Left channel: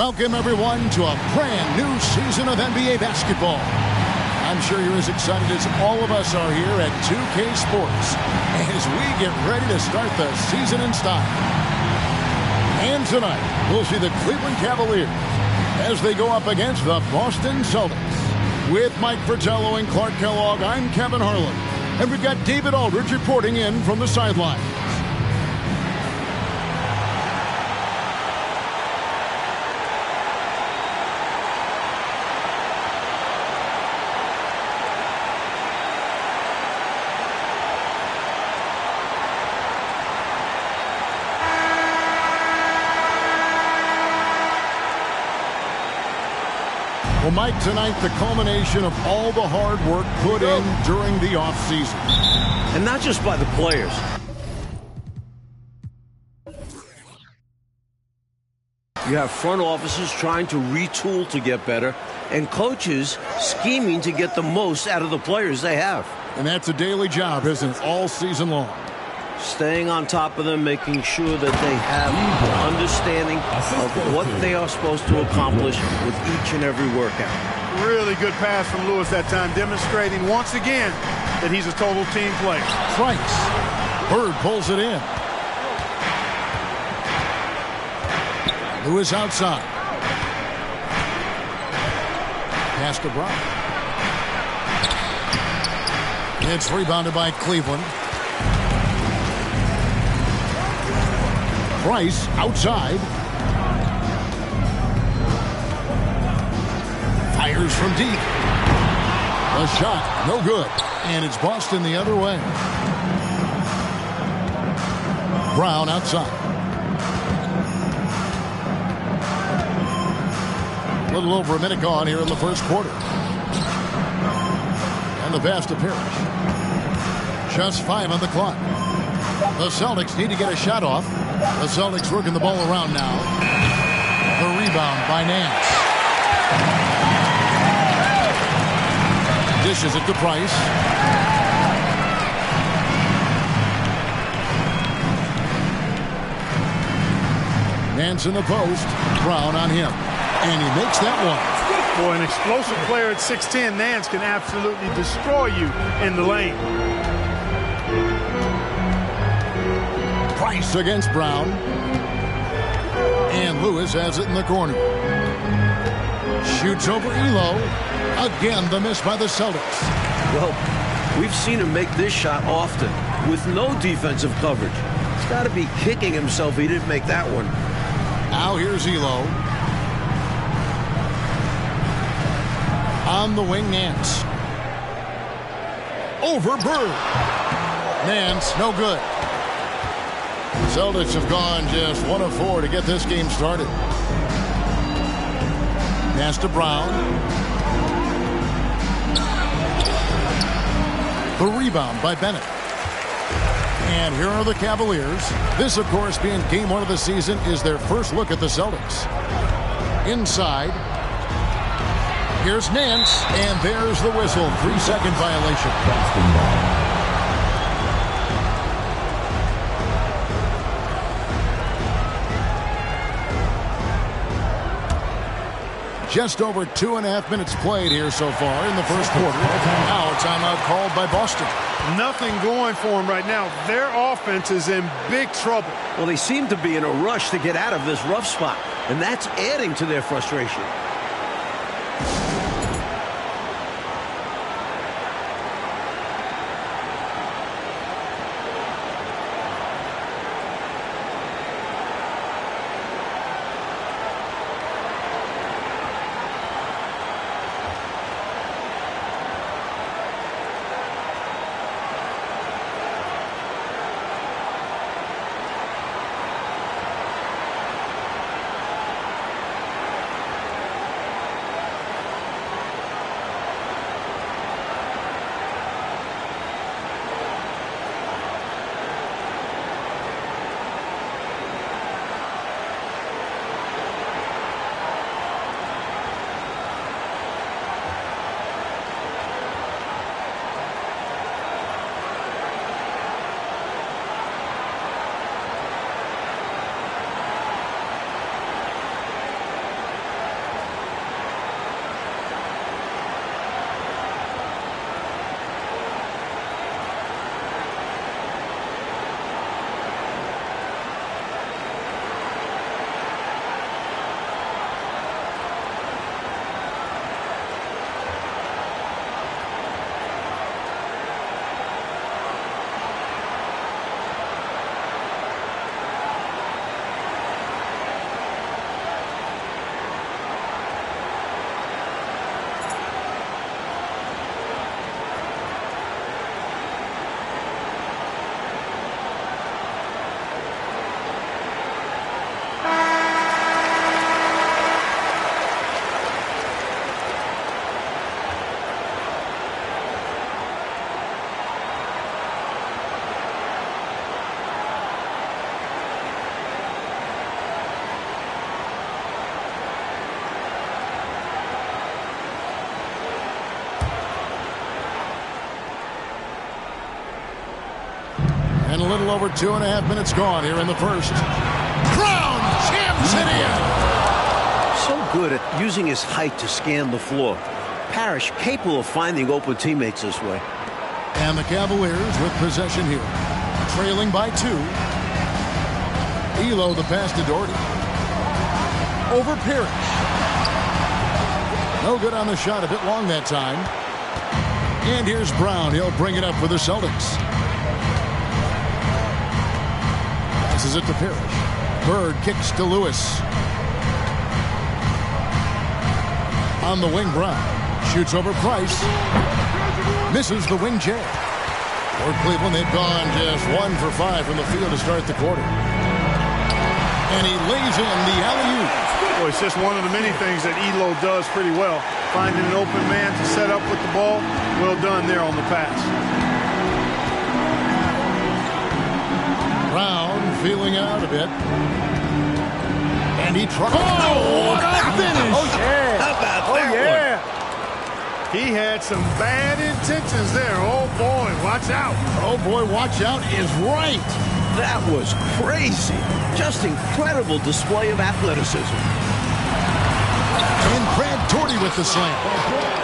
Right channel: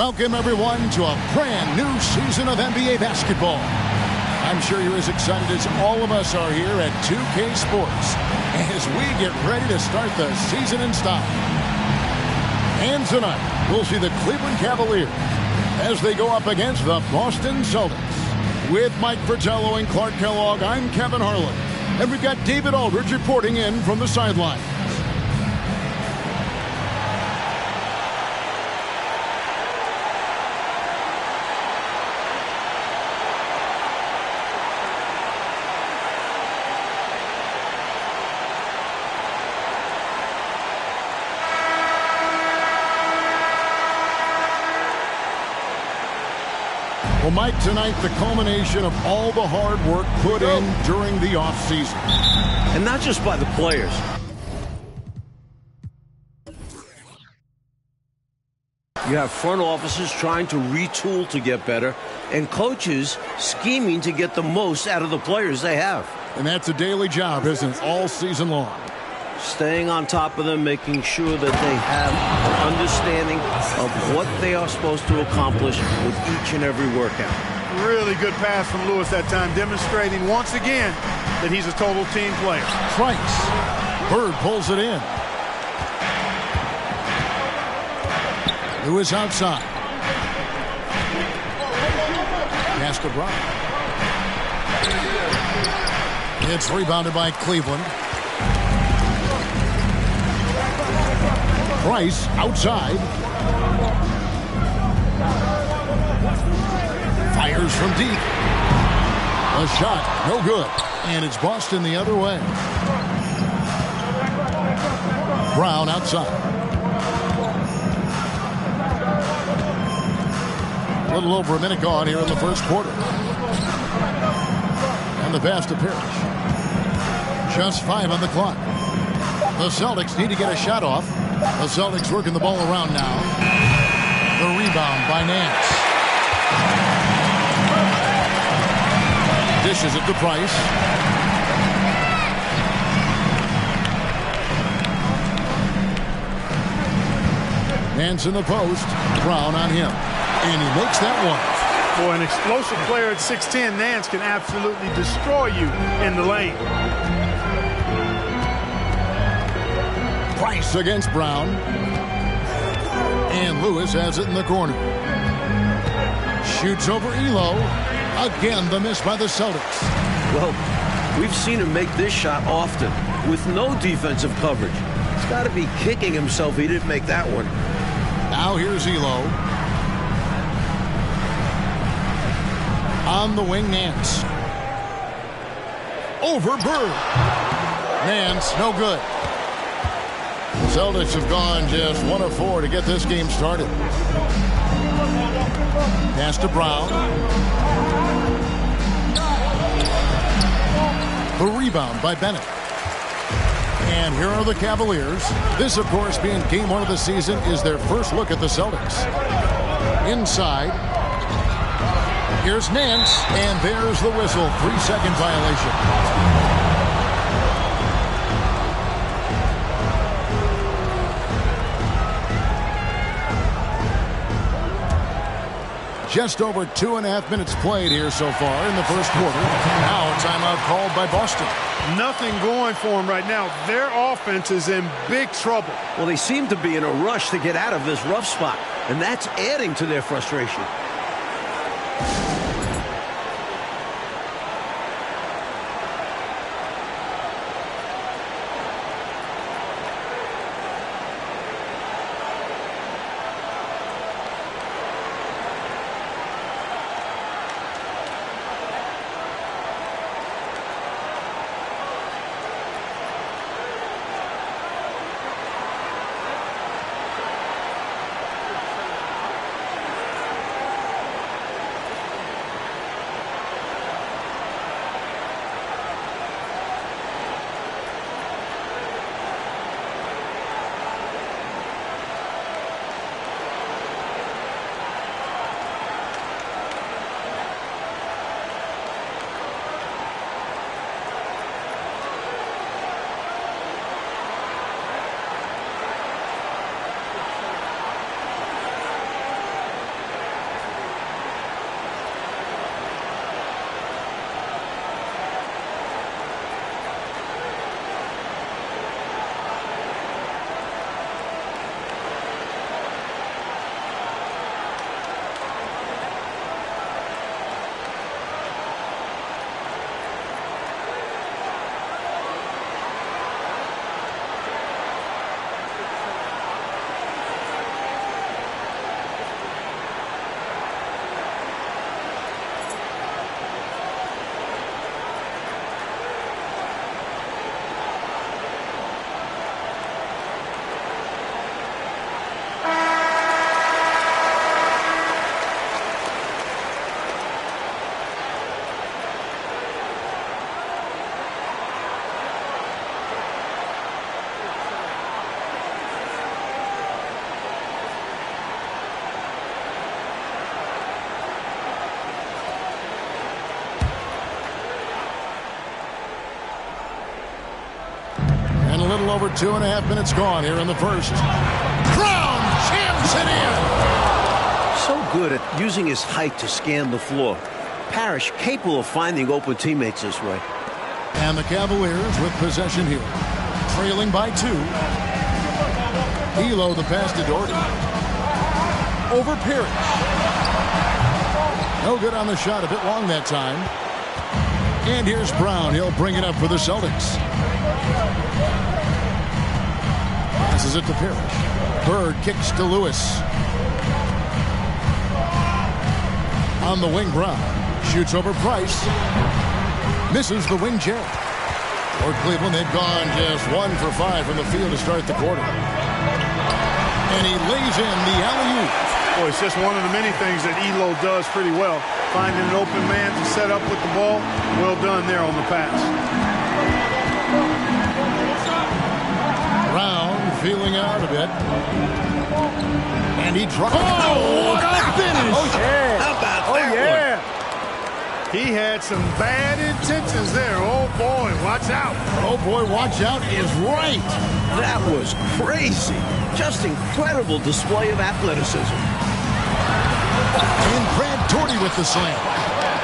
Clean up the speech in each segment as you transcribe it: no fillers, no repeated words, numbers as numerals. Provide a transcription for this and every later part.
Welcome, everyone, to a brand new season of NBA basketball. I'm sure you're as excited as all of us are here at 2K Sports as we get ready to start the season in style. And tonight, we'll see the Cleveland Cavaliers as they go up against the Boston Celtics. With Mike Fratello and Clark Kellogg, I'm Kevin Harlan. And we've got David Aldridge reporting in from the sideline. Well, Mike, tonight the culmination of all the hard work put in during the offseason. And not just by the players. You have front offices trying to retool to get better, and coaches scheming to get the most out of the players they have. And that's a daily job, isn't it, all season long? Staying on top of them, making sure that they have an understanding of what they are supposed to accomplish with each and every workout. Really good pass from Lewis that time, demonstrating once again that he's a total team player. Price. Bird pulls it in. Lewis outside. Pass to Brown. It's rebounded by Cleveland. Price outside. Fires from deep. A shot, no good. And it's Boston the other way. Brown outside. A little over a minute gone here in the first quarter. And the pass to Parrish. Just 5 on the clock. The Celtics need to get a shot off. The Celtics working the ball around now. The rebound by Nance. Dishes it to Price. Nance in the post. Brown on him. And he makes that one. Boy, an explosive player at 6'10", Nance can absolutely destroy you in the lane. Price against Brown. And Lewis has it in the corner. Shoots over Elo. Again, the miss by the Celtics. Well, we've seen him make this shot often with no defensive coverage. He's got to be kicking himself he didn't make that one. Now here's Elo. On the wing, Nance. Over Bird. Nance, no good. Celtics have gone just 1 of 4 to get this game started. Pass to Brown. The rebound by Bennett. And here are the Cavaliers. This, of course, being game 1 of the season, is their first look at the Celtics. Inside. Here's Nance, and there's the whistle. 3-second violation. Just over 2.5 minutes played here so far in the first quarter. Now a timeout called by Boston. Nothing going for them right now. Their offense is in big trouble. Well, they seem to be in a rush to get out of this rough spot, and that's adding to their frustration. little over 2.5 minutes gone here in the first. Brown jams it in. So good at using his height to scan the floor. Parrish capable of finding open teammates this way. And the Cavaliers with possession here. Trailing by 2. Elo the pass to Doherty. Over Parrish. No good on the shot. A bit long that time. And here's Brown. He'll bring it up for the Celtics. Passes it to Parrish. Bird kicks to Lewis. On the wing, Brown. Shoots over Price. Misses the wing J. For Cleveland, they've gone just 1 for 5 from the field to start the quarter. And he lays in the alley-oop. Boy, it's just one of the many things that Elo does pretty well. Finding an open man to set up with the ball. Well done there on the pass. Brown feeling out a bit. And he tries. Oh, what a finish! Oh, yeah. How about that yeah. He had some bad intentions there. Oh, boy, watch out. Oh, boy, watch out is right. That was crazy. Just incredible display of athleticism. And Brad Doherty with the slam.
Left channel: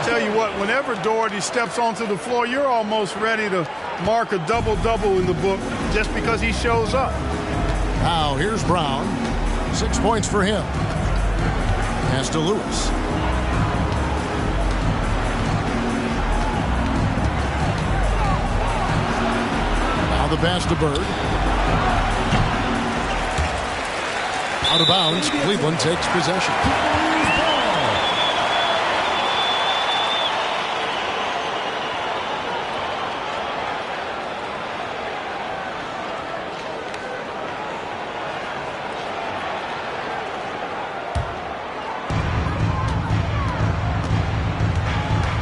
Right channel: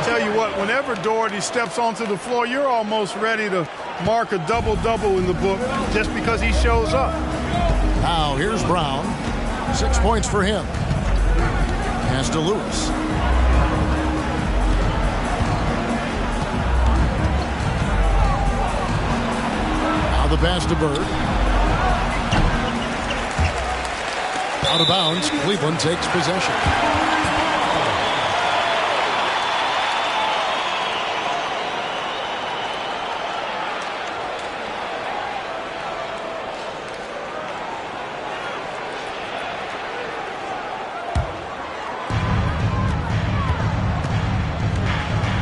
Tell you what, whenever Doherty steps onto the floor, you're almost ready to mark a double-double in the book just because he shows up. Now, here's Brown. 6 points for him. Pass to Lewis. Now the pass to Bird. Out of bounds. Cleveland takes possession.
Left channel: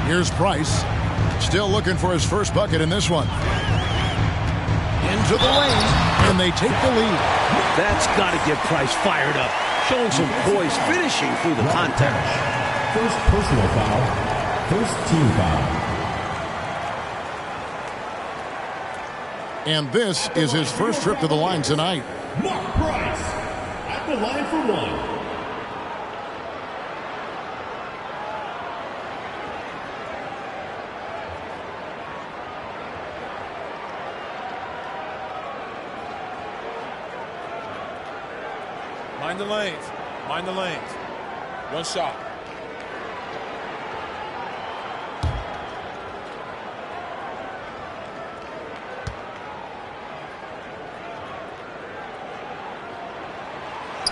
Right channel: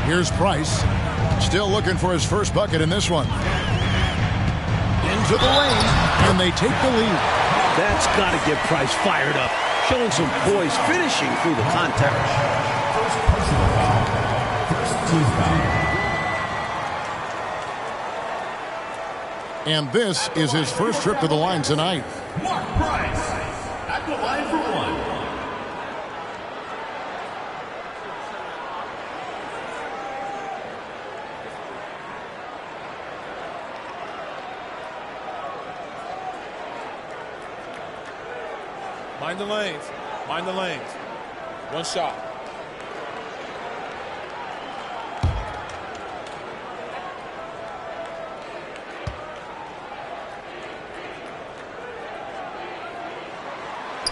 Here's Price. Still looking for his first bucket in this one. Into the lane, and they take the lead. That's got to get Price fired up. Showing some poise, finishing through the contact. First personal foul. First team foul. And this is his first trip to the line tonight. Mark Price at the line for one. Mind the lanes. Mind the lanes. One shot.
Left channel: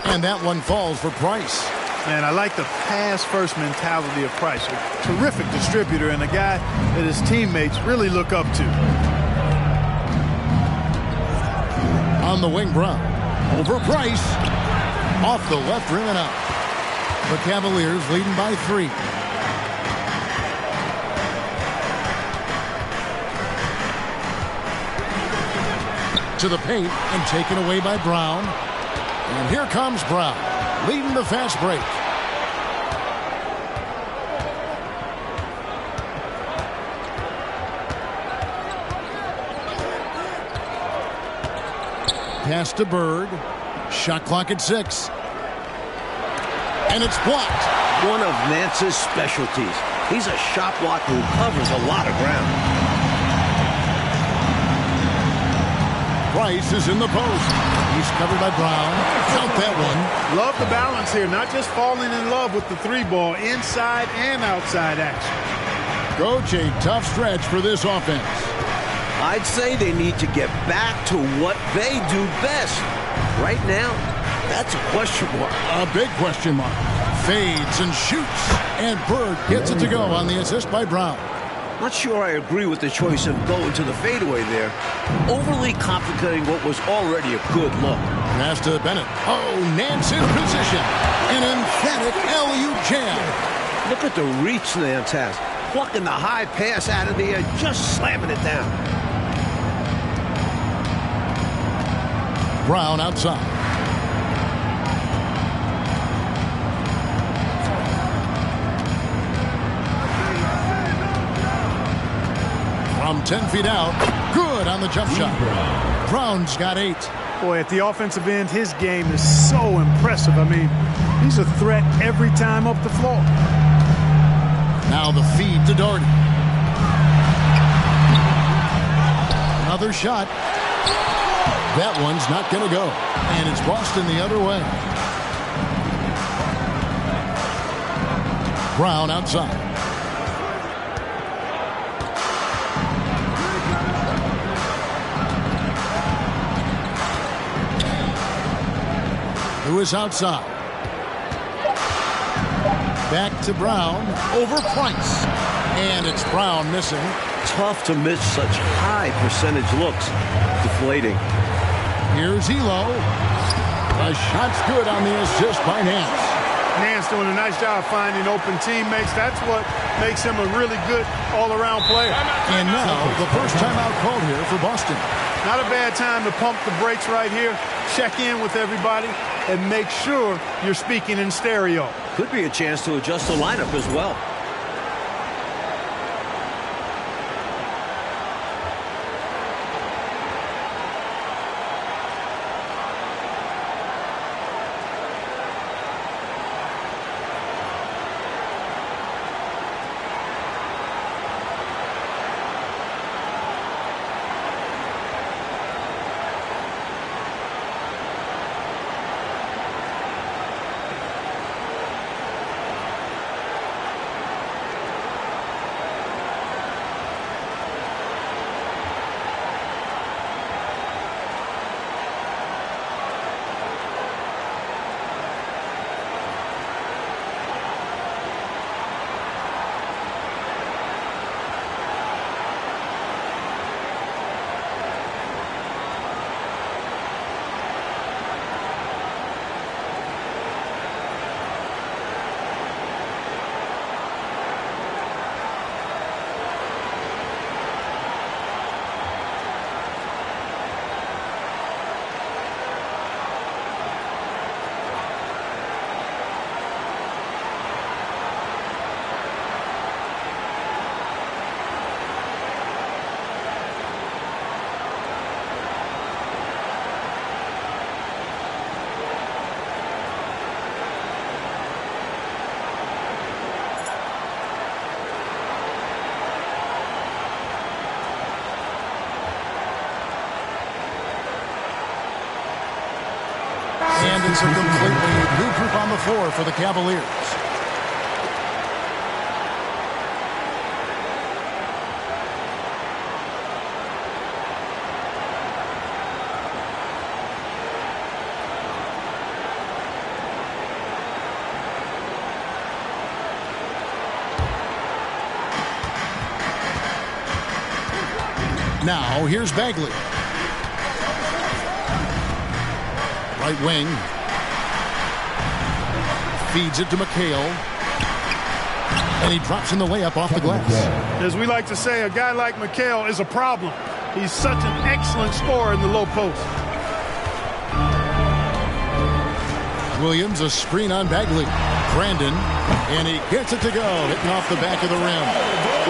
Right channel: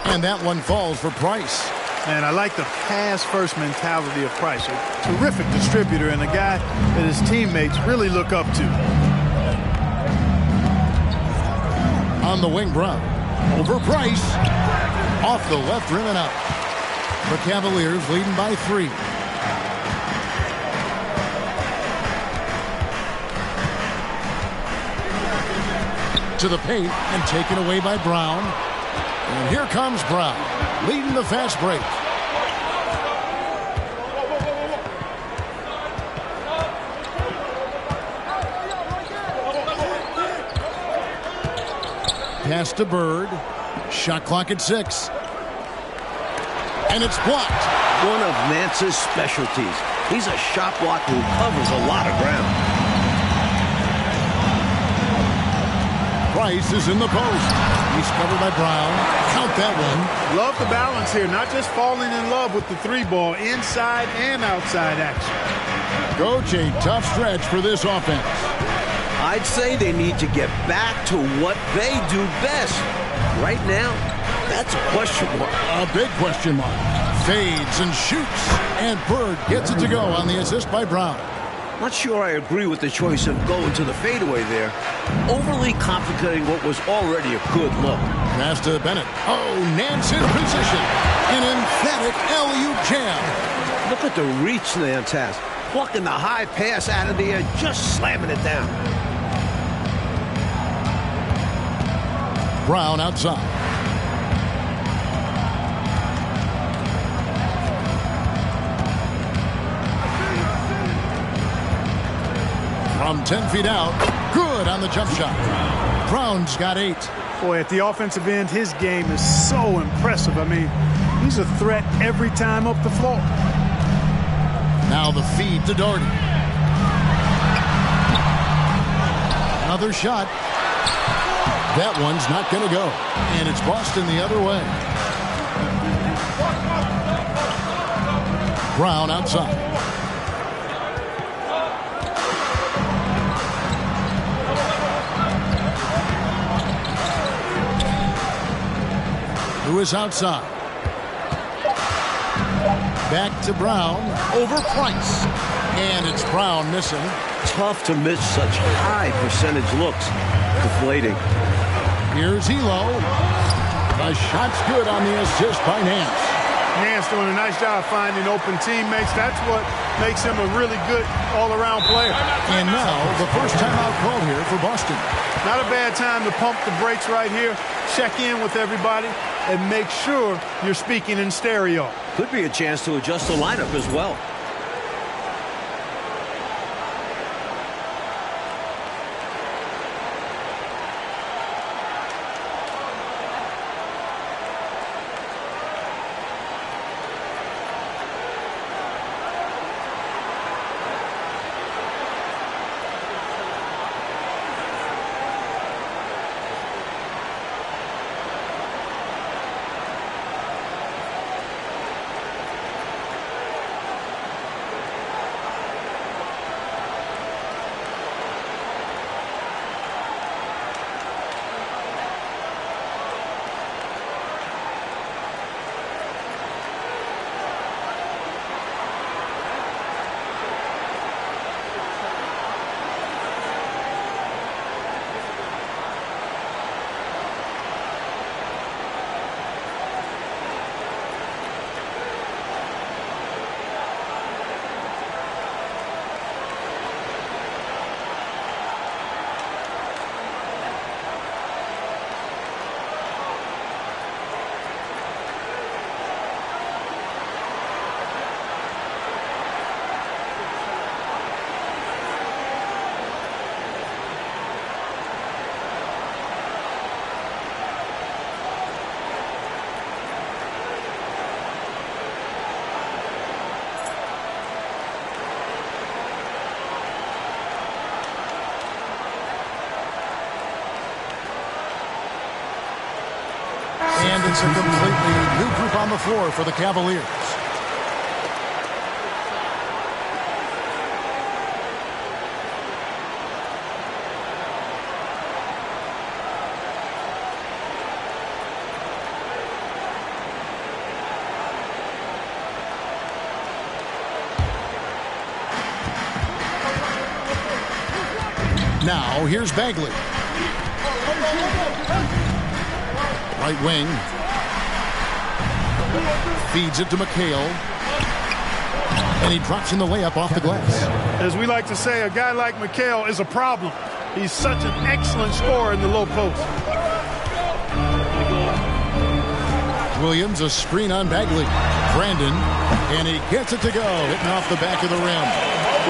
And that one falls for Price. Man, I like the pass-first mentality of Price. A terrific distributor and a guy that his teammates really look up to. On the wing, Brown. Over Price. Off the left rim and out. The Cavaliers leading by 3. To the paint and taken away by Brown. And here comes Brown, leading the fast break. Pass to Bird. Shot clock at 6. And it's blocked. One of Nance's specialties. He's a shot blocker who covers a lot of ground. Price is in the post. He's covered by Brown. Count that one. Love the balance here. Not just falling in love with the 3-ball, inside and outside action. Coach, a tough stretch for this offense. I'd say they need to get back to what they do best. Right now, that's a question mark. A big question mark. Fades and shoots. And Bird gets it to go on the assist by Brown. Not sure I agree with the choice of going to the fadeaway there. Overly complicating what was already a good look. Pass to Bennett. Oh, Nance in position. An emphatic alley-oop jam. Look at the reach Nance has. Plucking the high pass out of the air, just slamming it down. Brown outside. From 10 feet out. Good on the jump shot. Brown's got 8. Boy, at the offensive end, his game is so impressive. I mean, he's a threat every time up the floor. Now the feed to Doherty. Another shot. That one's not going to go. And it's Boston the other way. Brown outside. Lewis outside. Back to Brown. Over Price. And it's Brown missing. Tough to miss such high percentage looks. Deflating. Here's Elo. The shot's good on the assist by Nance. Nance doing a nice job finding open teammates. That's what makes him a really good all-around player. And now the first timeout called here for Boston. Not a bad time to pump the brakes right here. Check in with everybody and make sure you're speaking in stereo. Could be a chance to adjust the lineup as well. And it's a completely new group on the floor for the Cavaliers. Now here's Bagley. Right wing. Feeds it to McHale. And he drops in the layup off the glass. As we like to say, a guy like McHale is a problem. He's such an excellent scorer in the low post. Williams, a screen on Bagley. Brandon, and he gets it to go, hitting off the back of the rim.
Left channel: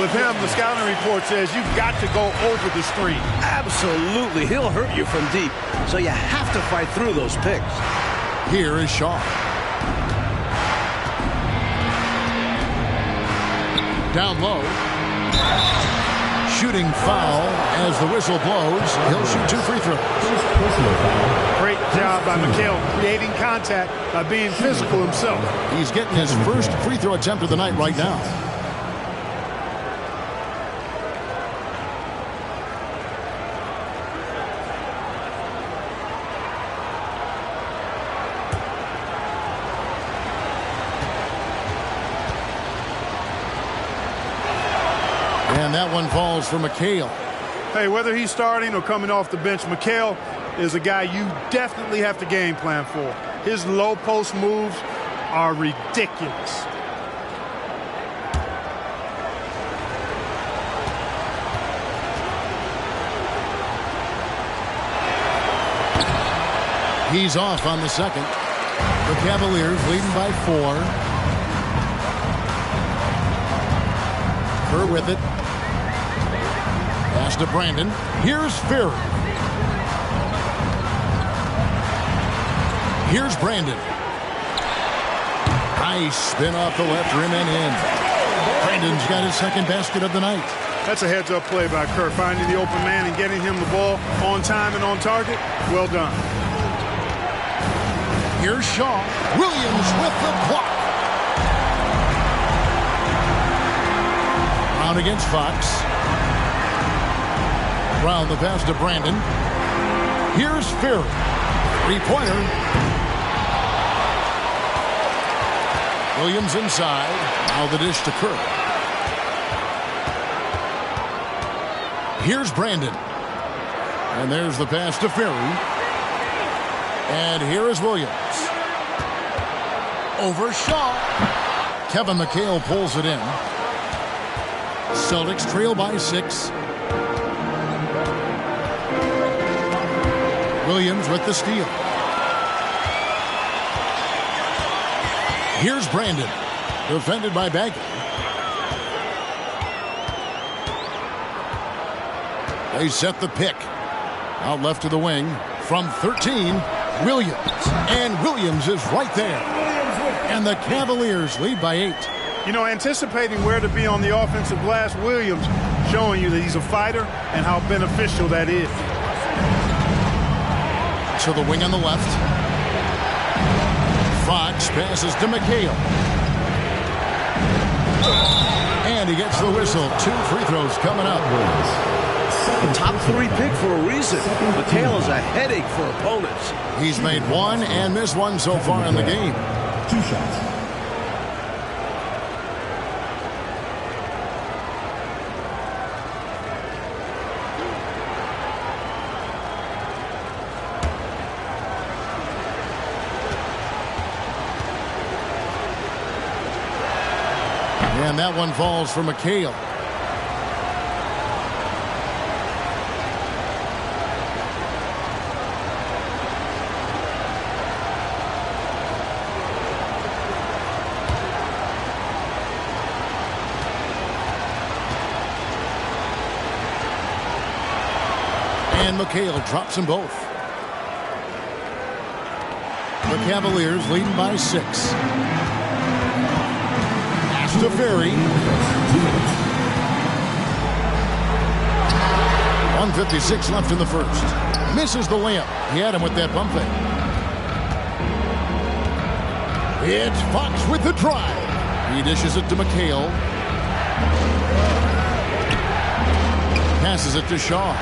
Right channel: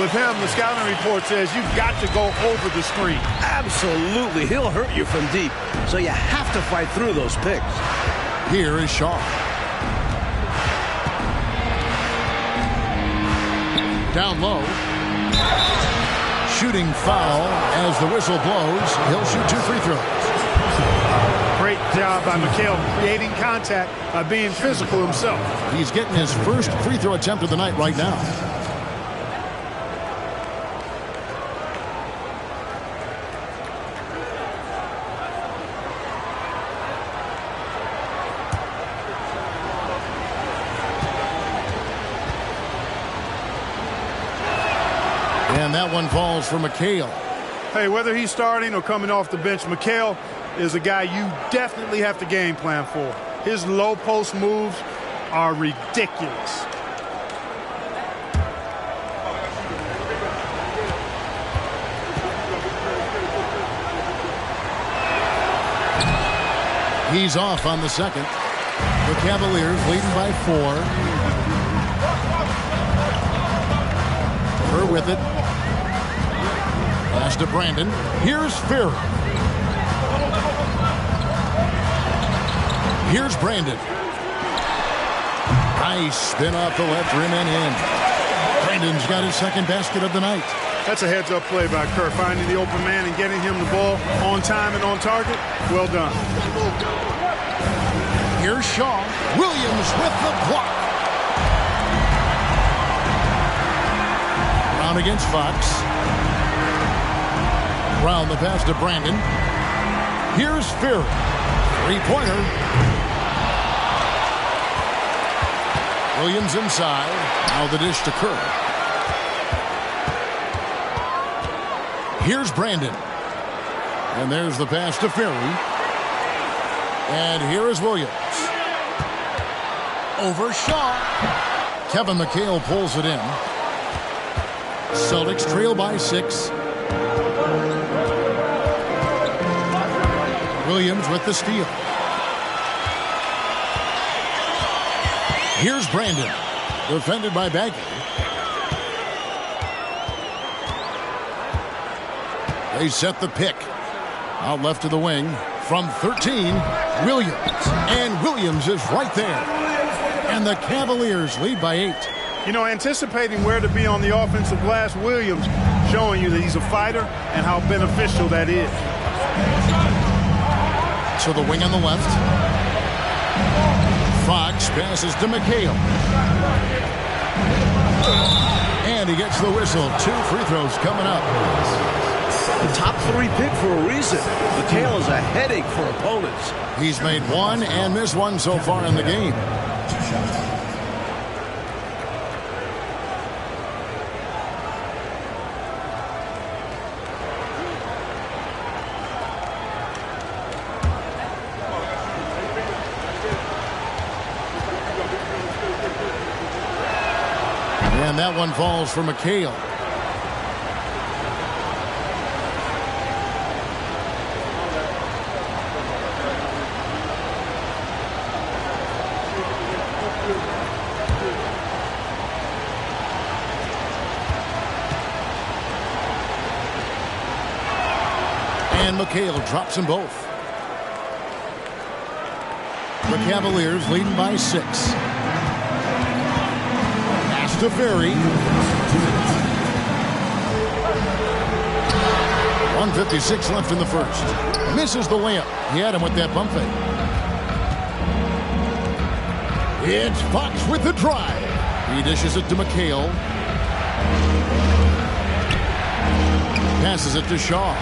With him, the scouting report says you've got to go over the screen. Absolutely. He'll hurt you from deep. So you have to fight through those picks. Here is Shaw. Down low. Shooting foul as the whistle blows. He'll shoot 2 free throws. Great job by McHale creating contact by being physical himself. He's getting his first free throw attempt of the night right now. And that one falls for McHale. Hey, whether he's starting or coming off the bench, McHale is a guy you definitely have to game plan for. His low post moves are ridiculous. He's off on the second. The Cavaliers leading by 4. Kerr with it. Pass to Brandon. Here's Ferry. Here's Brandon. Nice spin off the left rim and in. Brandon's got his second basket of the night. That's a heads-up play by Kerr, finding the open man and getting him the ball on time and on target. Well done. Here's Shaw. Williams with the block. Brown against Fox. Brown the pass to Brandon. Here's Ferry. Three-pointer. Williams inside. Now the dish to Kerr. Here's Brandon. And there's the pass to Ferry. And here is Williams. Over Shaw. Kevin McHale pulls it in. Celtics trail by 6. Williams with the steal. Here's Brandon. Defended by Bagley. They set the pick. Out left to the wing. From 13, Williams. And Williams is right there. And the Cavaliers lead by 8. You know, anticipating where to be on the offensive glass, Williams showing you that he's a fighter and how beneficial that is. To the wing on the left. Fox passes to McHale. And he gets the whistle. 2 free throws coming up. The top 3 pick for a reason. McHale is a headache for opponents. He's made 1 and missed 1 so far in the game. 2 shots. And that one falls for McHale. And McHale drops them both. The Cavaliers leading by 6. Pass to Ferry. 1:56 left in the first. Misses the layup. He had him with that bump fake. It's Fox with the drive. He dishes it to McHale. Passes it to Shaw.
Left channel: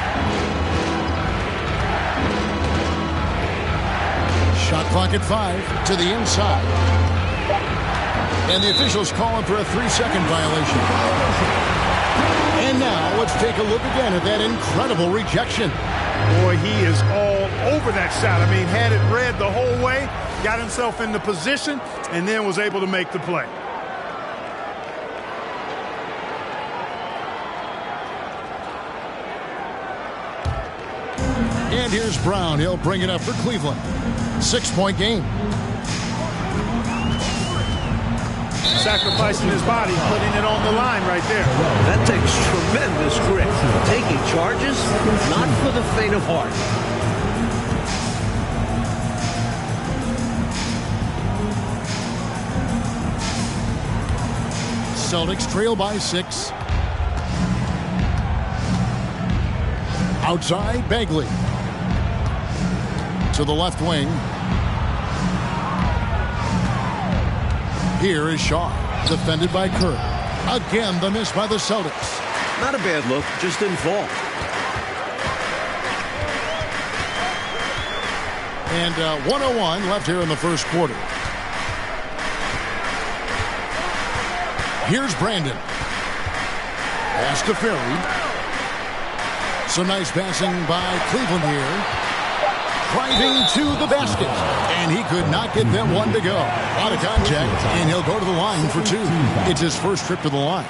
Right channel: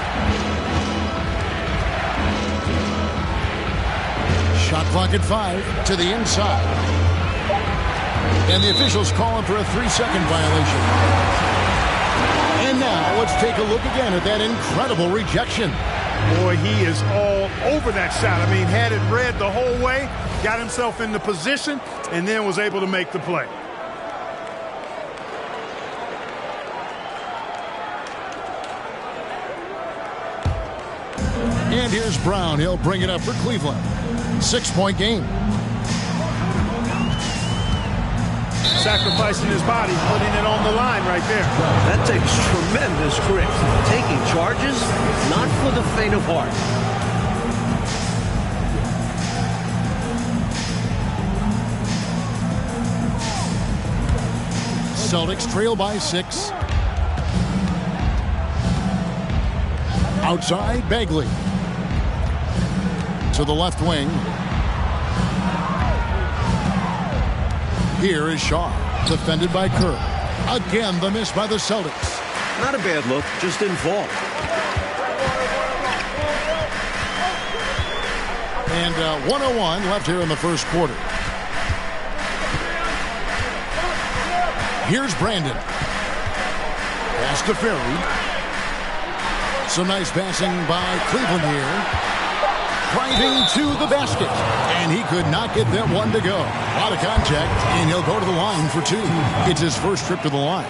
Shot clock at 5 to the inside. And the officials calling for a 3-second violation. And now let's take a look again at that incredible rejection. Boy, he is all over that shot. I mean, had it read the whole way, got himself into position, and then was able to make the play. And here's Brown. He'll bring it up for Cleveland. 6-point game. Sacrificing his body, putting it on the line right there. That takes tremendous grit. Taking charges, not for the faint of heart. Celtics trail by 6. Outside, Bagley. To the left wing. Here is Shaw, defended by Kerr. Again, the miss by the Celtics. Not a bad look, just didn't fall. And 1:01 left here in the first quarter. Here's Brandon. Pass to Ferry. Some nice passing by Cleveland here. Driving to the basket. And he could not get that one to go. A lot of contact, and he'll go to the line for 2. It's his first trip to the line.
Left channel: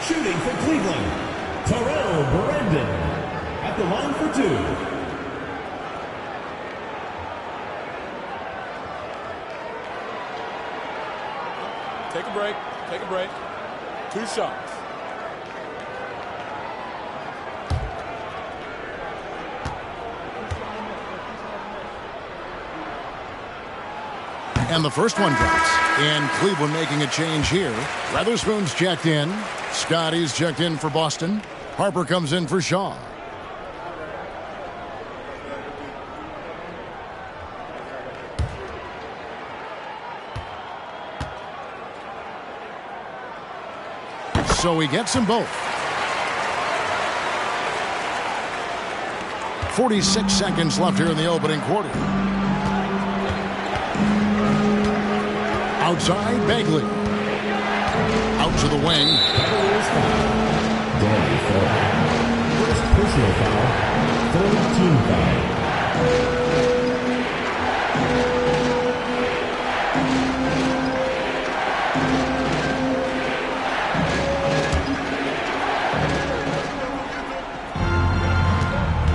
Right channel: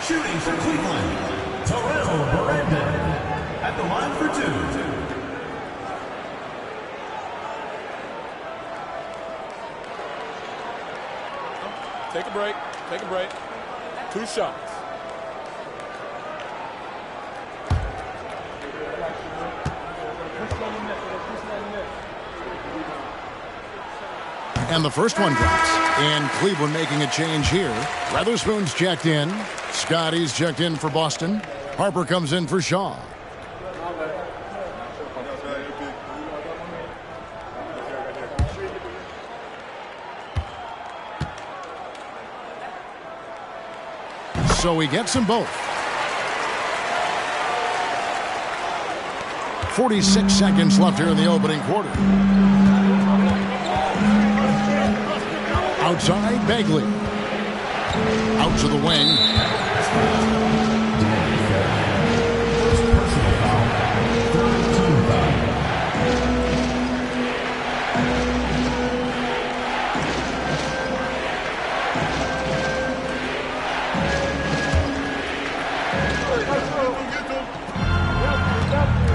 Shooting for Cleveland, Terrell Brandon at the line for 2. Take a break. Take a break. 2 shots. And the first one drops. And Cleveland making a change here. Weatherspoon's checked in. Scotty's checked in for Boston. Harper comes in for Shaw. So he gets them both. 46 seconds left here in the opening quarter. Outside, Bagley. Out to the wing. First personal foul, third team foul.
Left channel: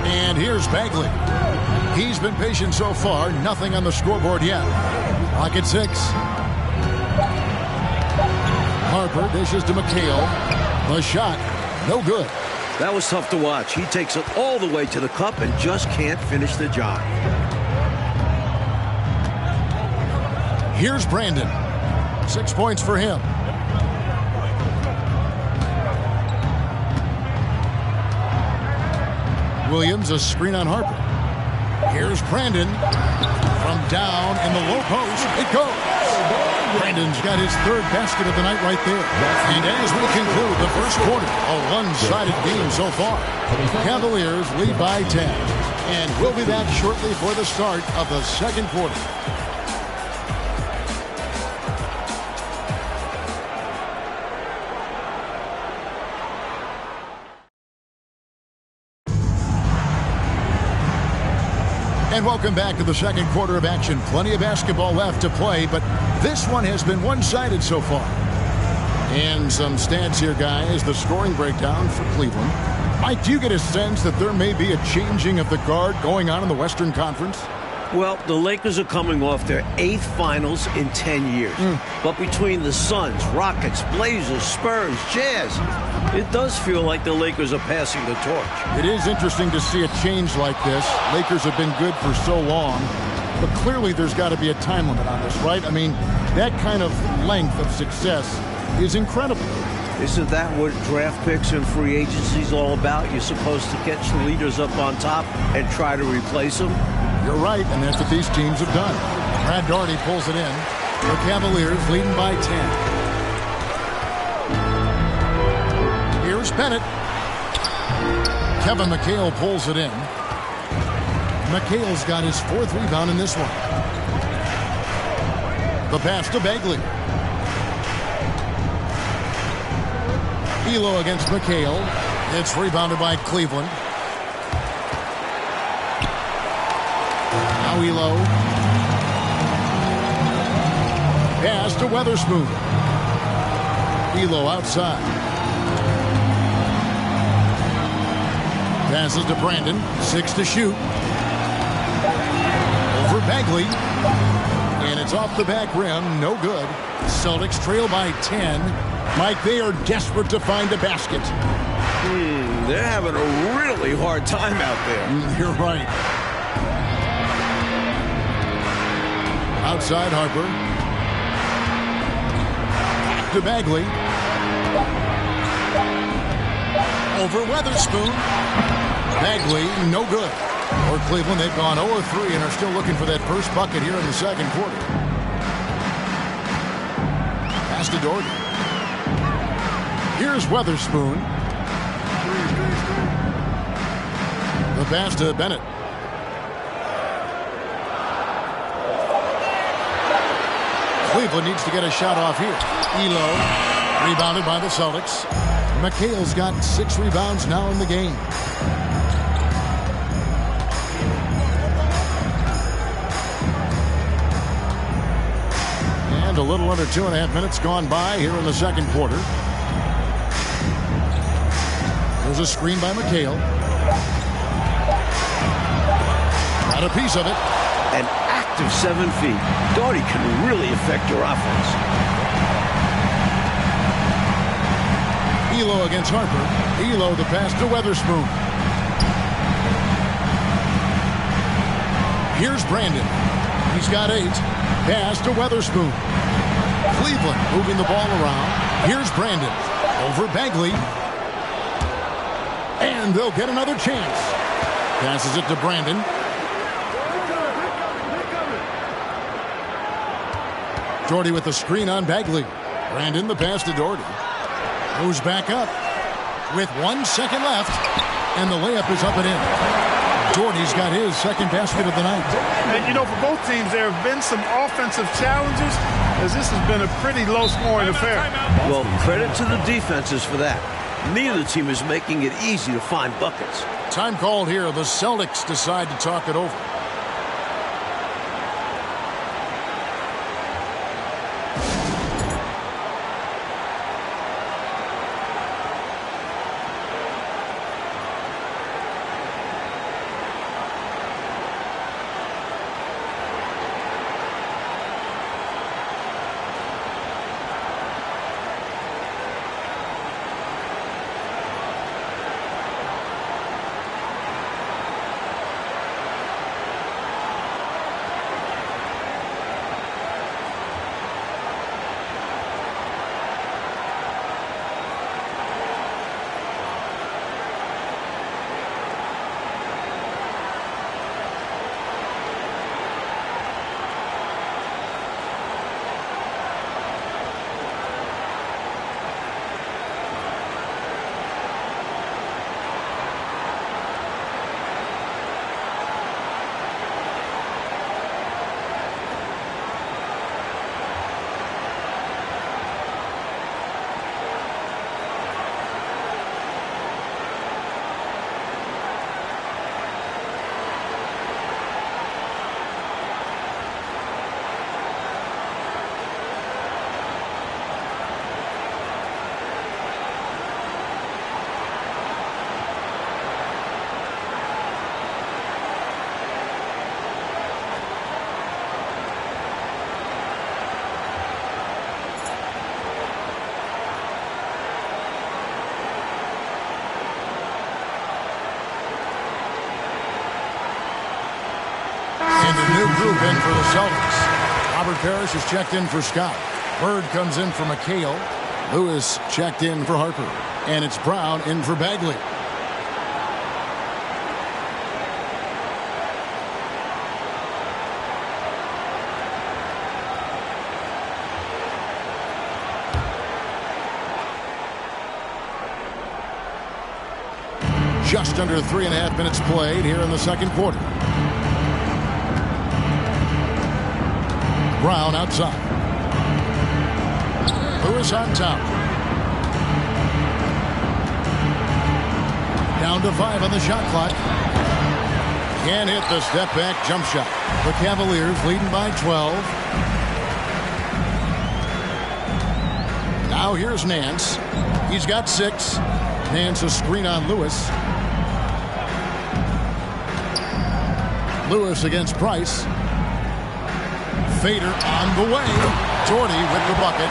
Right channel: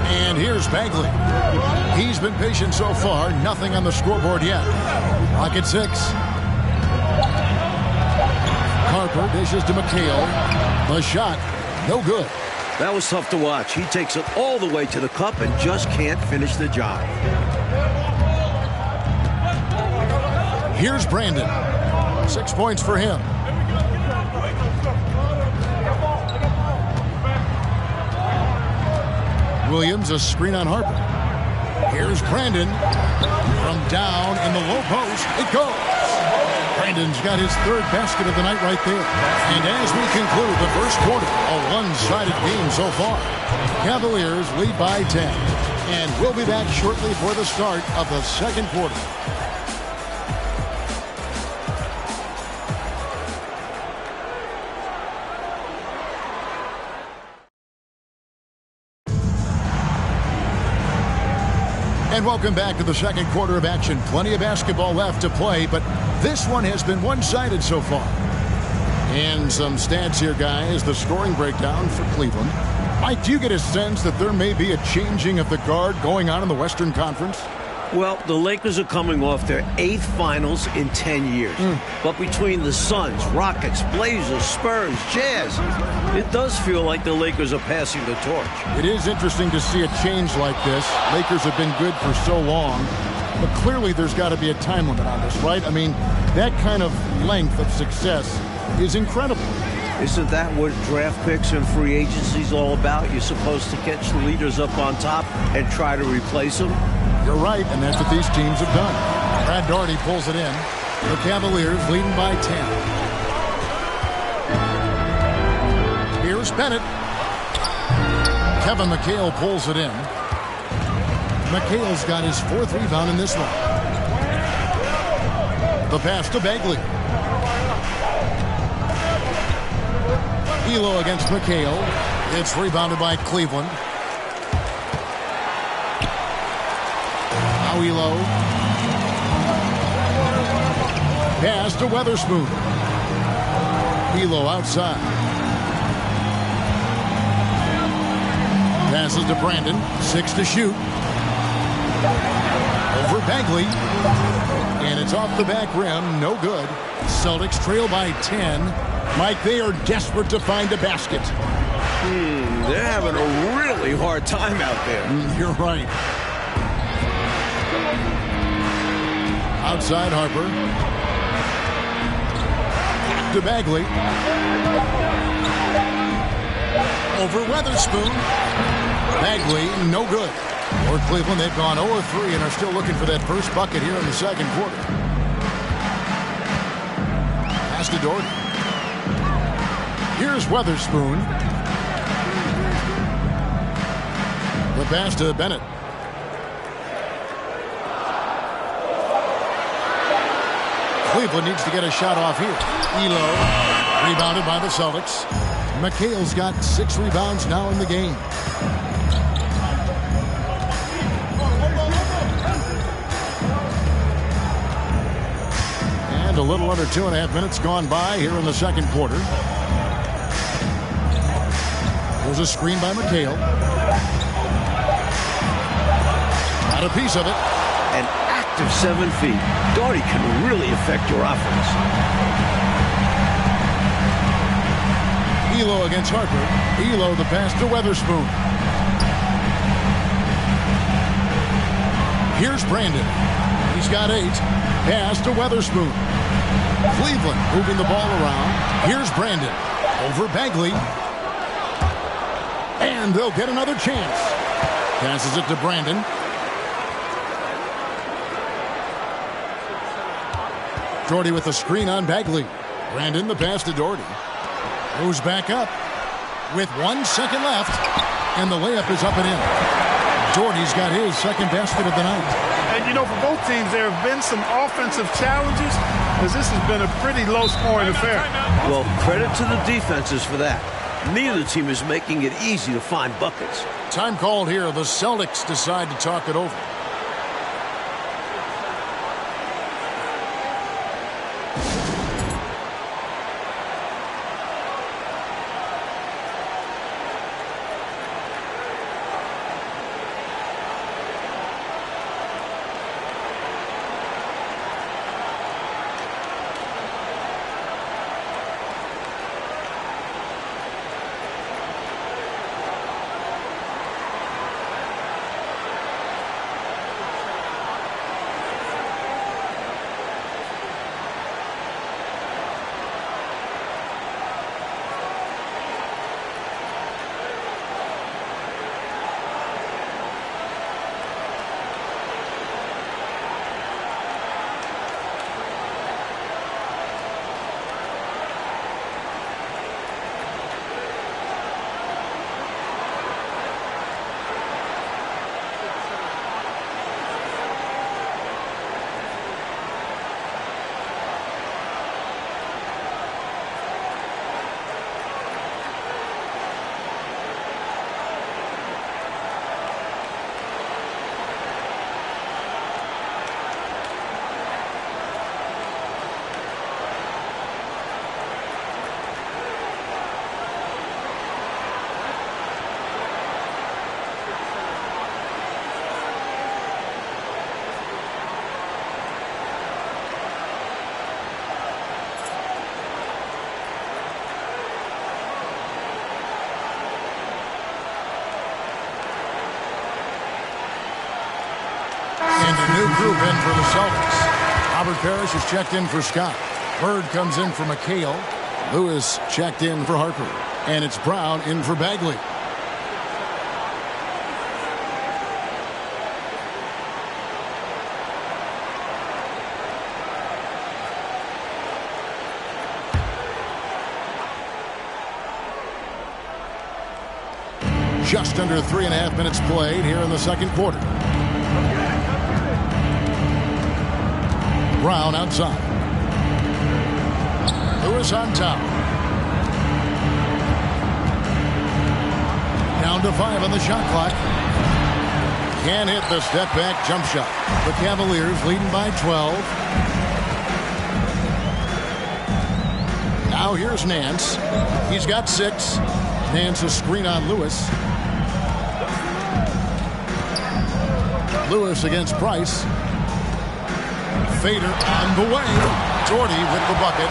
And here's Bagley. He's been patient so far. Nothing on the scoreboard yet. Clock at 6. Harper dishes to McHale. The shot, no good. That was tough to watch. He takes it all the way to the cup and just can't finish the job. Here's Brandon. 6 points for him. Williams, a screen on Harper. Here's Brandon. From down in the low post, it goes. Brandon's got his third basket of the night right there. And as we conclude the first quarter, a one-sided game so far. Cavaliers lead by 10. And we'll be back shortly for the start of the second quarter. And welcome back to the second quarter of action. Plenty of basketball left to play, but this one has been one-sided so far. And some stats here, guys. The scoring breakdown for Cleveland. Mike, do you get a sense that there may be a changing of the guard going on in the Western Conference? Well, the Lakers are coming off their 8th finals in 10 years. But between the Suns, Rockets, Blazers, Spurs, Jazz, it does feel like the Lakers are passing the torch. It is interesting to see a change like this. Lakers have been good for so long, but clearly there's got to be a time limit on this, right? I mean, that kind of length of success is incredible. Isn't that what draft picks and free agency is all about? You're supposed to catch the leaders up on top and try to replace them? You're right, and that's what these teams have done. Brad Daugherty pulls it in. The Cavaliers leading by 10. Here's Bennett. Kevin McHale pulls it in. McHale's got his 4th rebound in this one. The pass to Bagley. Elo against McHale. It's rebounded by Cleveland. Now Elo. Pass to Weatherspoon. Elo outside. Passes to Brandon. 6 to shoot. Over Bagley. And it's off the back rim. No good. Celtics trail by 10. Mike, they are desperate to find a basket. They're having a really hard time out there. You're right. Outside Harper. Back to Bagley. Over Weatherspoon. Bagley, no good. For Cleveland, they've gone 0-3 and are still looking for that first bucket here in the second quarter. Pass to Daugherty. Here's Weatherspoon. The pass to Bennett. Cleveland needs to get a shot off here. Elo, rebounded by the Celtics. McHale's got 6 rebounds now in the game. And a little under 2.5 minutes gone by here in the second quarter. There's a screen by McHale. Got a piece of it. An active 7 feet. Daugherty can really affect your offense. Elo against Harper. Elo the pass to Weatherspoon. Here's Brandon. He's got 8. Pass to Weatherspoon. Cleveland moving the ball around. Here's Brandon. Over Bagley. And they'll get another chance. Passes it to Brandon. Doherty with the screen on Bagley. Brandon, the pass to Doherty. Moves back up with 1 second left. And the layup is up and in. Doherty's got his second basket of the night. And, you know, for both teams, there have been some offensive challenges, as this has been a pretty low-scoring affair. Well, credit to the defenses for that. Neither team is making it easy to find buckets. Time called here. The Celtics decide to talk it over. And a new group in for the Celtics. Robert Parrish is checked in for Scott. Bird comes in for McHale. Lewis checked in for Harper. And it's Brown in for Bagley. Just under 3.5 minutes played here in the second quarter. Brown outside. Lewis on top. Down to 5 on the shot clock. Can't hit the step back jump shot. The Cavaliers leading by 12. Now here's Nance. He's got 6. Nance a screen on Lewis. Lewis against Price. Fader on the way. Doherty with the bucket.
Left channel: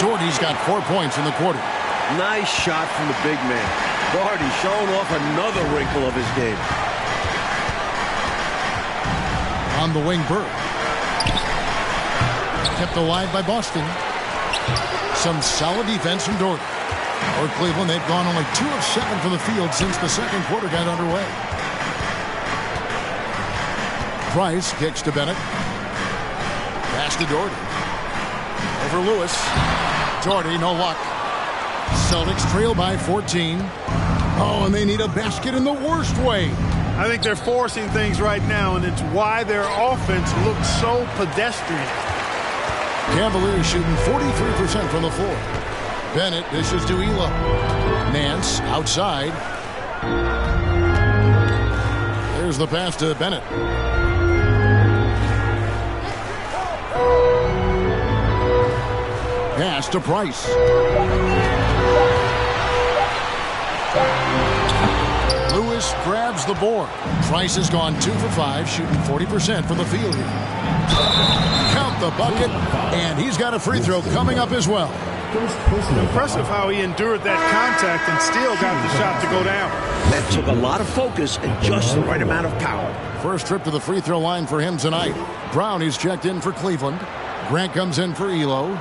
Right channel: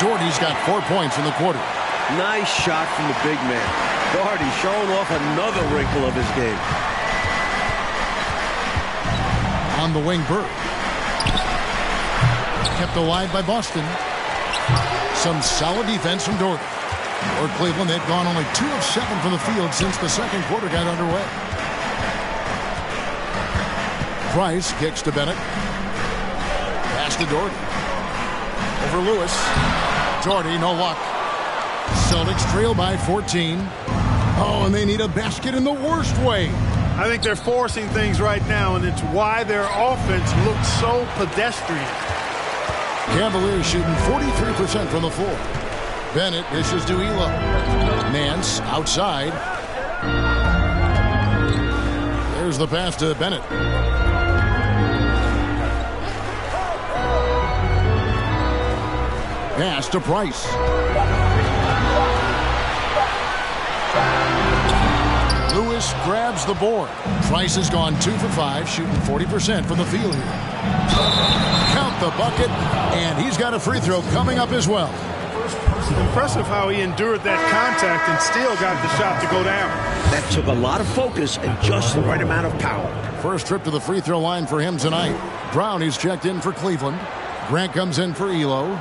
Doherty's got 4 points in the quarter. Nice shot from the big man. Doherty showing off another wrinkle of his game. On the wing, Bird. Kept alive by Boston. Some solid defense from Doherty. For Cleveland, they've gone only 2 of 7 from the field since the second quarter got underway. Price kicks to Bennett. Pass to Doherty. Over Lewis. Doherty, no luck. Celtics trail by 14. Oh, and they need a basket in the worst way. I think they're forcing things right now, and it's why their offense looks so pedestrian. Cavaliers shooting 43% from the floor. Bennett dishes to Elo. Nance outside. There's the pass to Bennett. Pass to Price. Lewis grabs the board. Price has gone 2 for 5, shooting 40% from the field here. Count the bucket, and he's got a free throw coming up as well. Impressive how he endured that contact and still got the shot to go down. That took a lot of focus and just the right amount of power. First trip to the free throw line for him tonight. Brown is checked in for Cleveland. Grant comes in for Elo.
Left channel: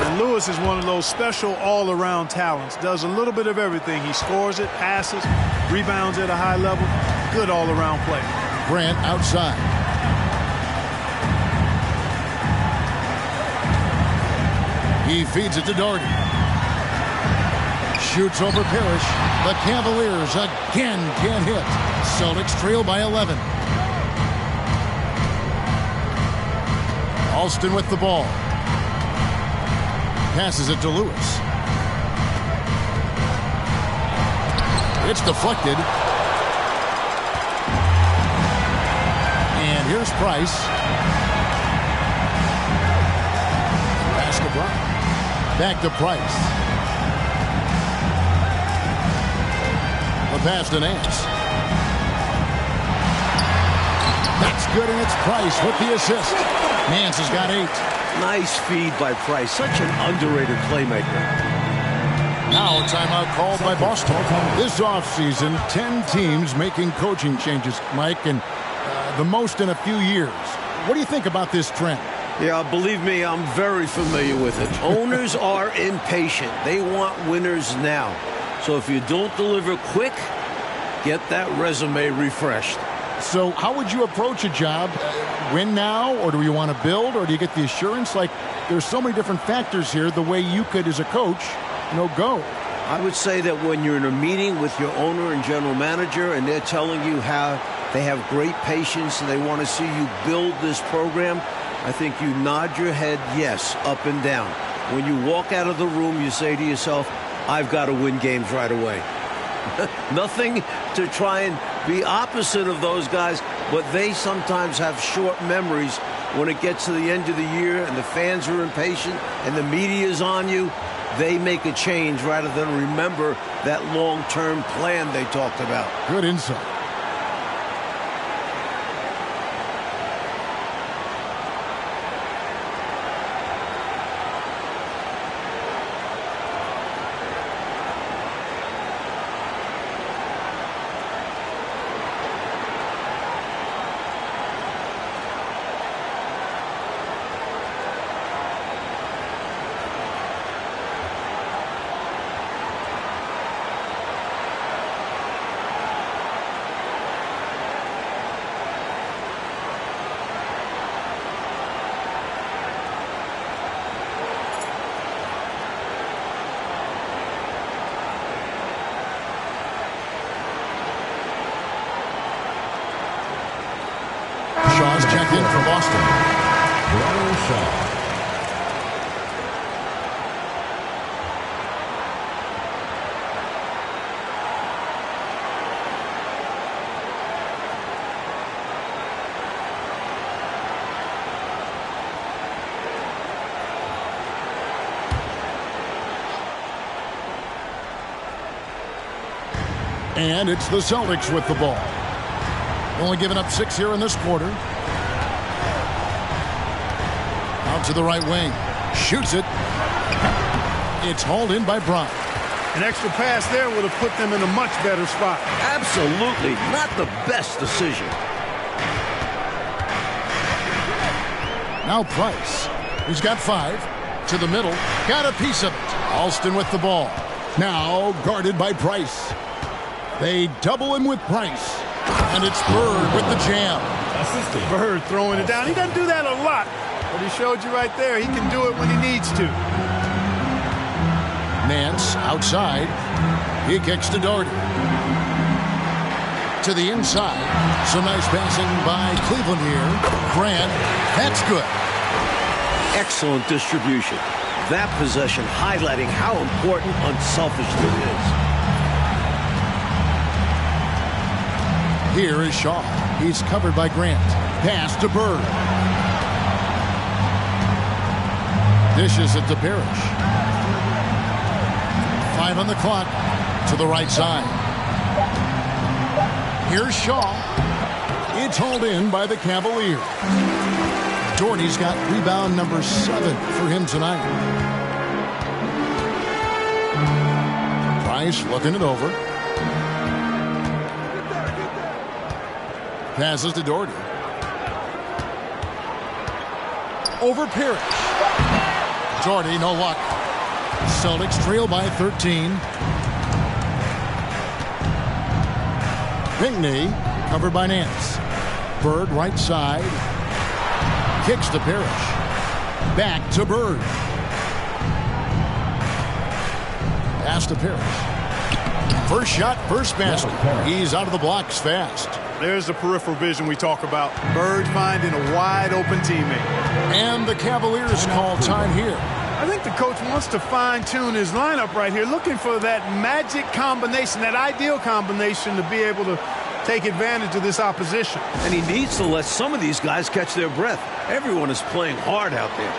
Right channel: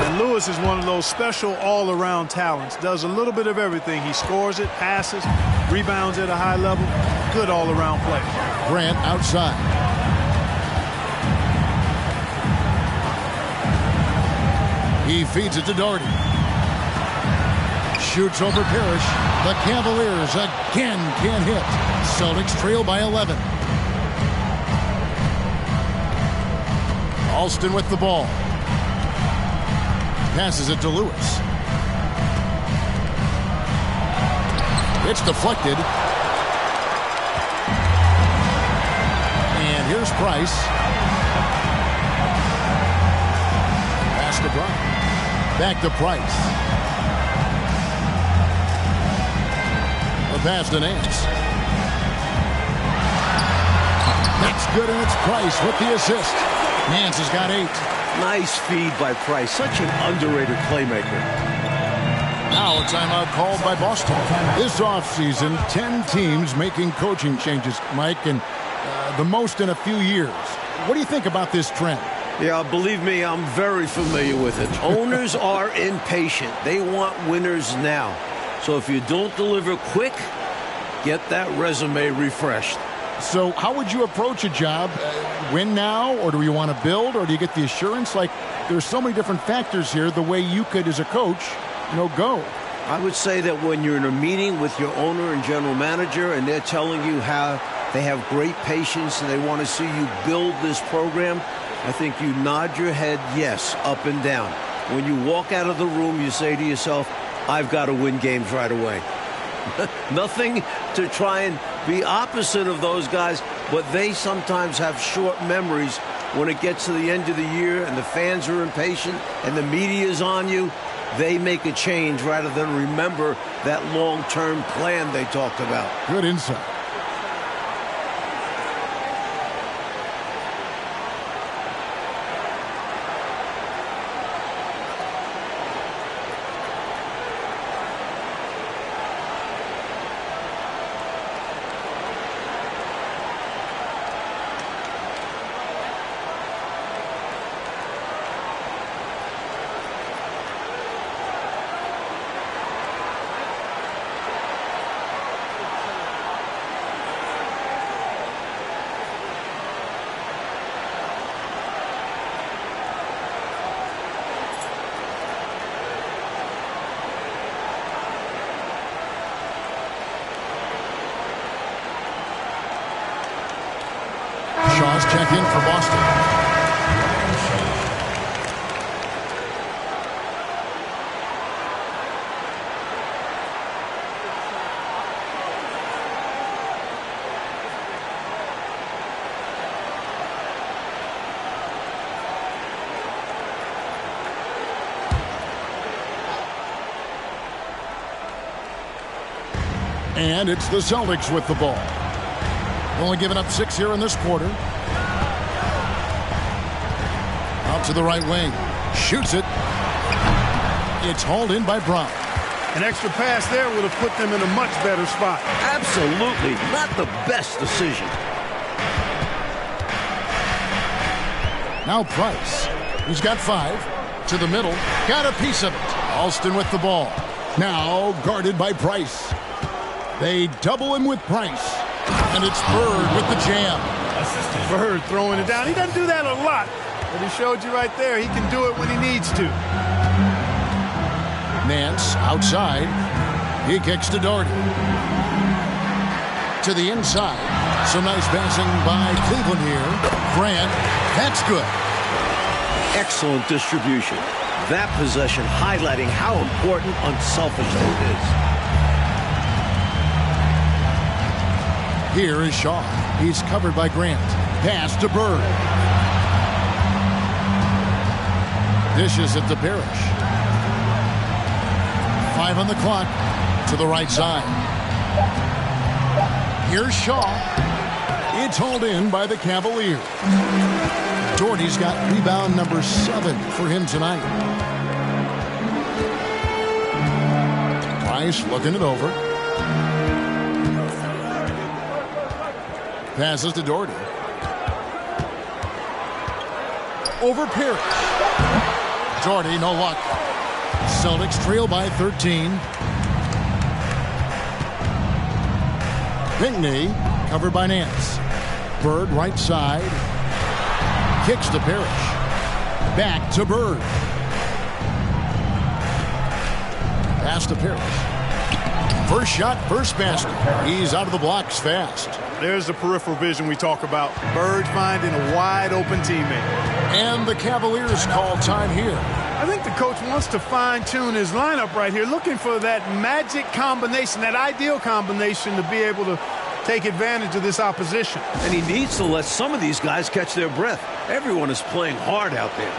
And Lewis is one of those special all-around talents. Does a little bit of everything. He scores it, passes, rebounds at a high level. Good all-around play. Grant outside. He feeds it to Doherty. Shoots over Parrish. The Cavaliers again can't hit. Celtics trail by 11. Alston with the ball. Passes it to Lewis. It's deflected. And here's Price. Pass to Brown. Back to Price. The pass to Nance. That's good, and it's Price with the assist. Nance has got 8. Nice feed by Price. Such an underrated playmaker. Now a timeout called by Boston. This offseason, 10 teams making coaching changes, Mike, and the most in a few years. What do you think about this trend? Yeah, believe me, I'm very familiar with it. Owners are impatient. They want winners now. So if you don't deliver quick, get that resume refreshed. So how would you approach a job? Win now, or do you want to build, or do you get the assurance? Like, there's so many different factors here, the way you could, as a coach, go. I would say that when you're in a meeting with your owner and general manager and they're telling you how they have great patience and they want to see you build this program, I think you nod your head yes, up and down. When you walk out of the room, you say to yourself, I've got to win games right away. Nothing to try and be opposite of those guys, but they sometimes have short memories when it gets to the end of the year and the fans are impatient and the media is on you. They make a change rather than remember that long-term plan they talked about. Good insight. Shaw's checked in for Boston. And it's the Celtics with the ball. Only giving up 6 here in this quarter. Out to the right wing. Shoots it. It's hauled in by Brown. An extra pass there would have put them in a much better spot. Absolutely not the best decision. Now Price. He's got 5. To the middle. Got a piece of it. Alston with the ball. Now guarded by Price. They double him with Price. And it's Bird with the jam. Bird throwing it down. He doesn't do that a lot, but he showed you right there. He can do it when he needs to. Nance outside. He kicks to Doherty. To the inside. Some nice passing by Cleveland here. Grant. That's good. Excellent distribution. That possession highlighting how important unselfishness is. Here is Shaw. He's covered by Grant. Pass to Bird. Dishes it to Parrish. 5 on the clock. To the right side. Here's Shaw. It's hauled in by the Cavaliers. Doherty's got rebound number 7 for him tonight. Price looking it over. Passes to Doherty. Over Parrish. Doherty, no luck. Celtics trail by 13. Pinckney, covered by Nance. Bird, right side. Kicks to Parrish. Back to Bird. Pass to Parrish. First shot, first basket. He's out of the blocks fast. There's the peripheral vision we talk about. Bird finding a wide open teammate. And the Cavaliers call time here. I think the coach wants to fine-tune his lineup right here, looking for that magic combination, that ideal combination to be able to take advantage of this opposition. And he needs to let some of these guys catch their breath. Everyone is playing hard out there.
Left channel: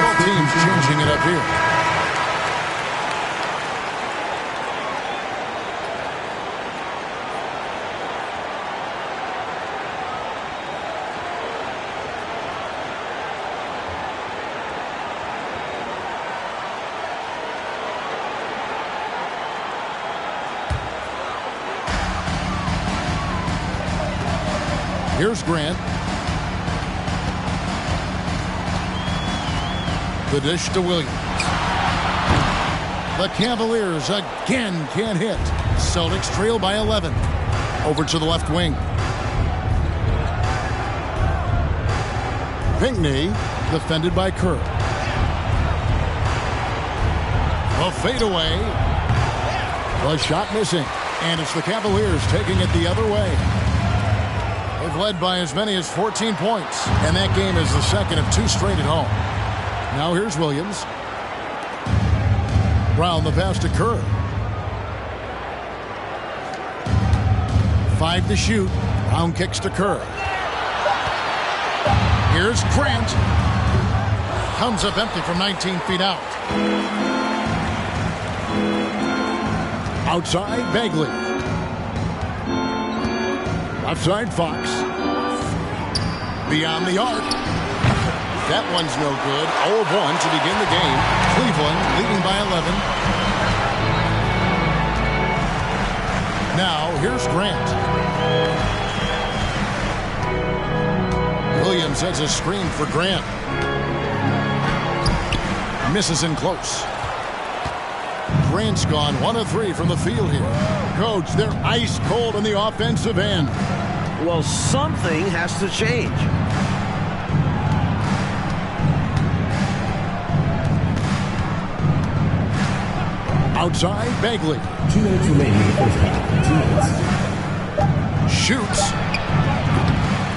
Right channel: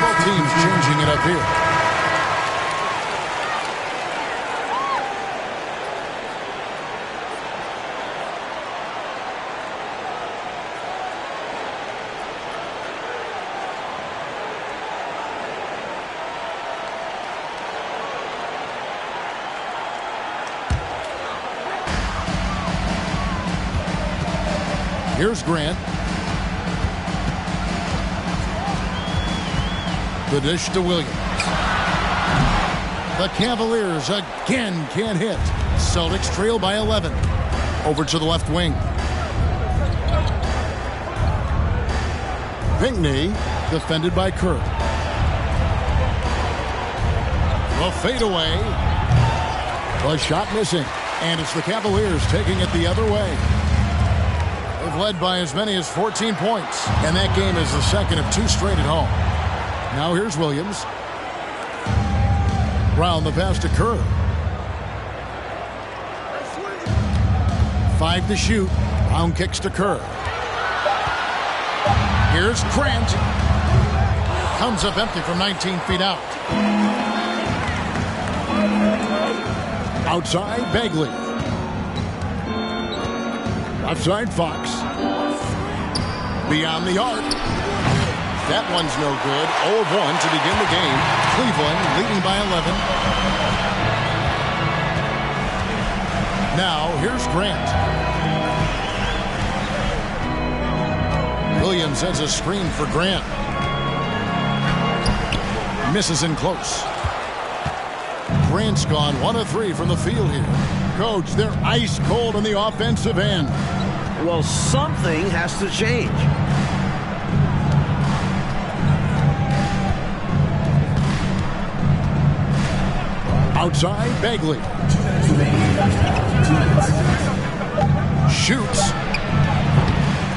Both teams changing it up here. Here's Grant. The dish to Williams. The Cavaliers again can't hit. Celtics trail by 11. Over to the left wing. Pinckney defended by Kerr. The fadeaway. The shot missing. And it's the Cavaliers taking it the other way. They've led by as many as 14 points. And that game is the second of 2 straight at home. Now here's Williams. Brown the pass to Kerr. 5 to shoot. Brown kicks to Kerr. Here's Grant. Comes up empty from 19 feet out. Outside Bagley. Left side Fox. Beyond the arc. That one's no good. 0 of 1 to begin the game. Cleveland leading by 11. Now here's Grant. Williams has a screen for Grant. Misses in close. Grant's gone 1 of 3 from the field here. Coach, they're ice cold on the offensive end. Well, something has to change. Outside, Bagley. 2 minutes remaining in the first half. 2 minutes. Shoots.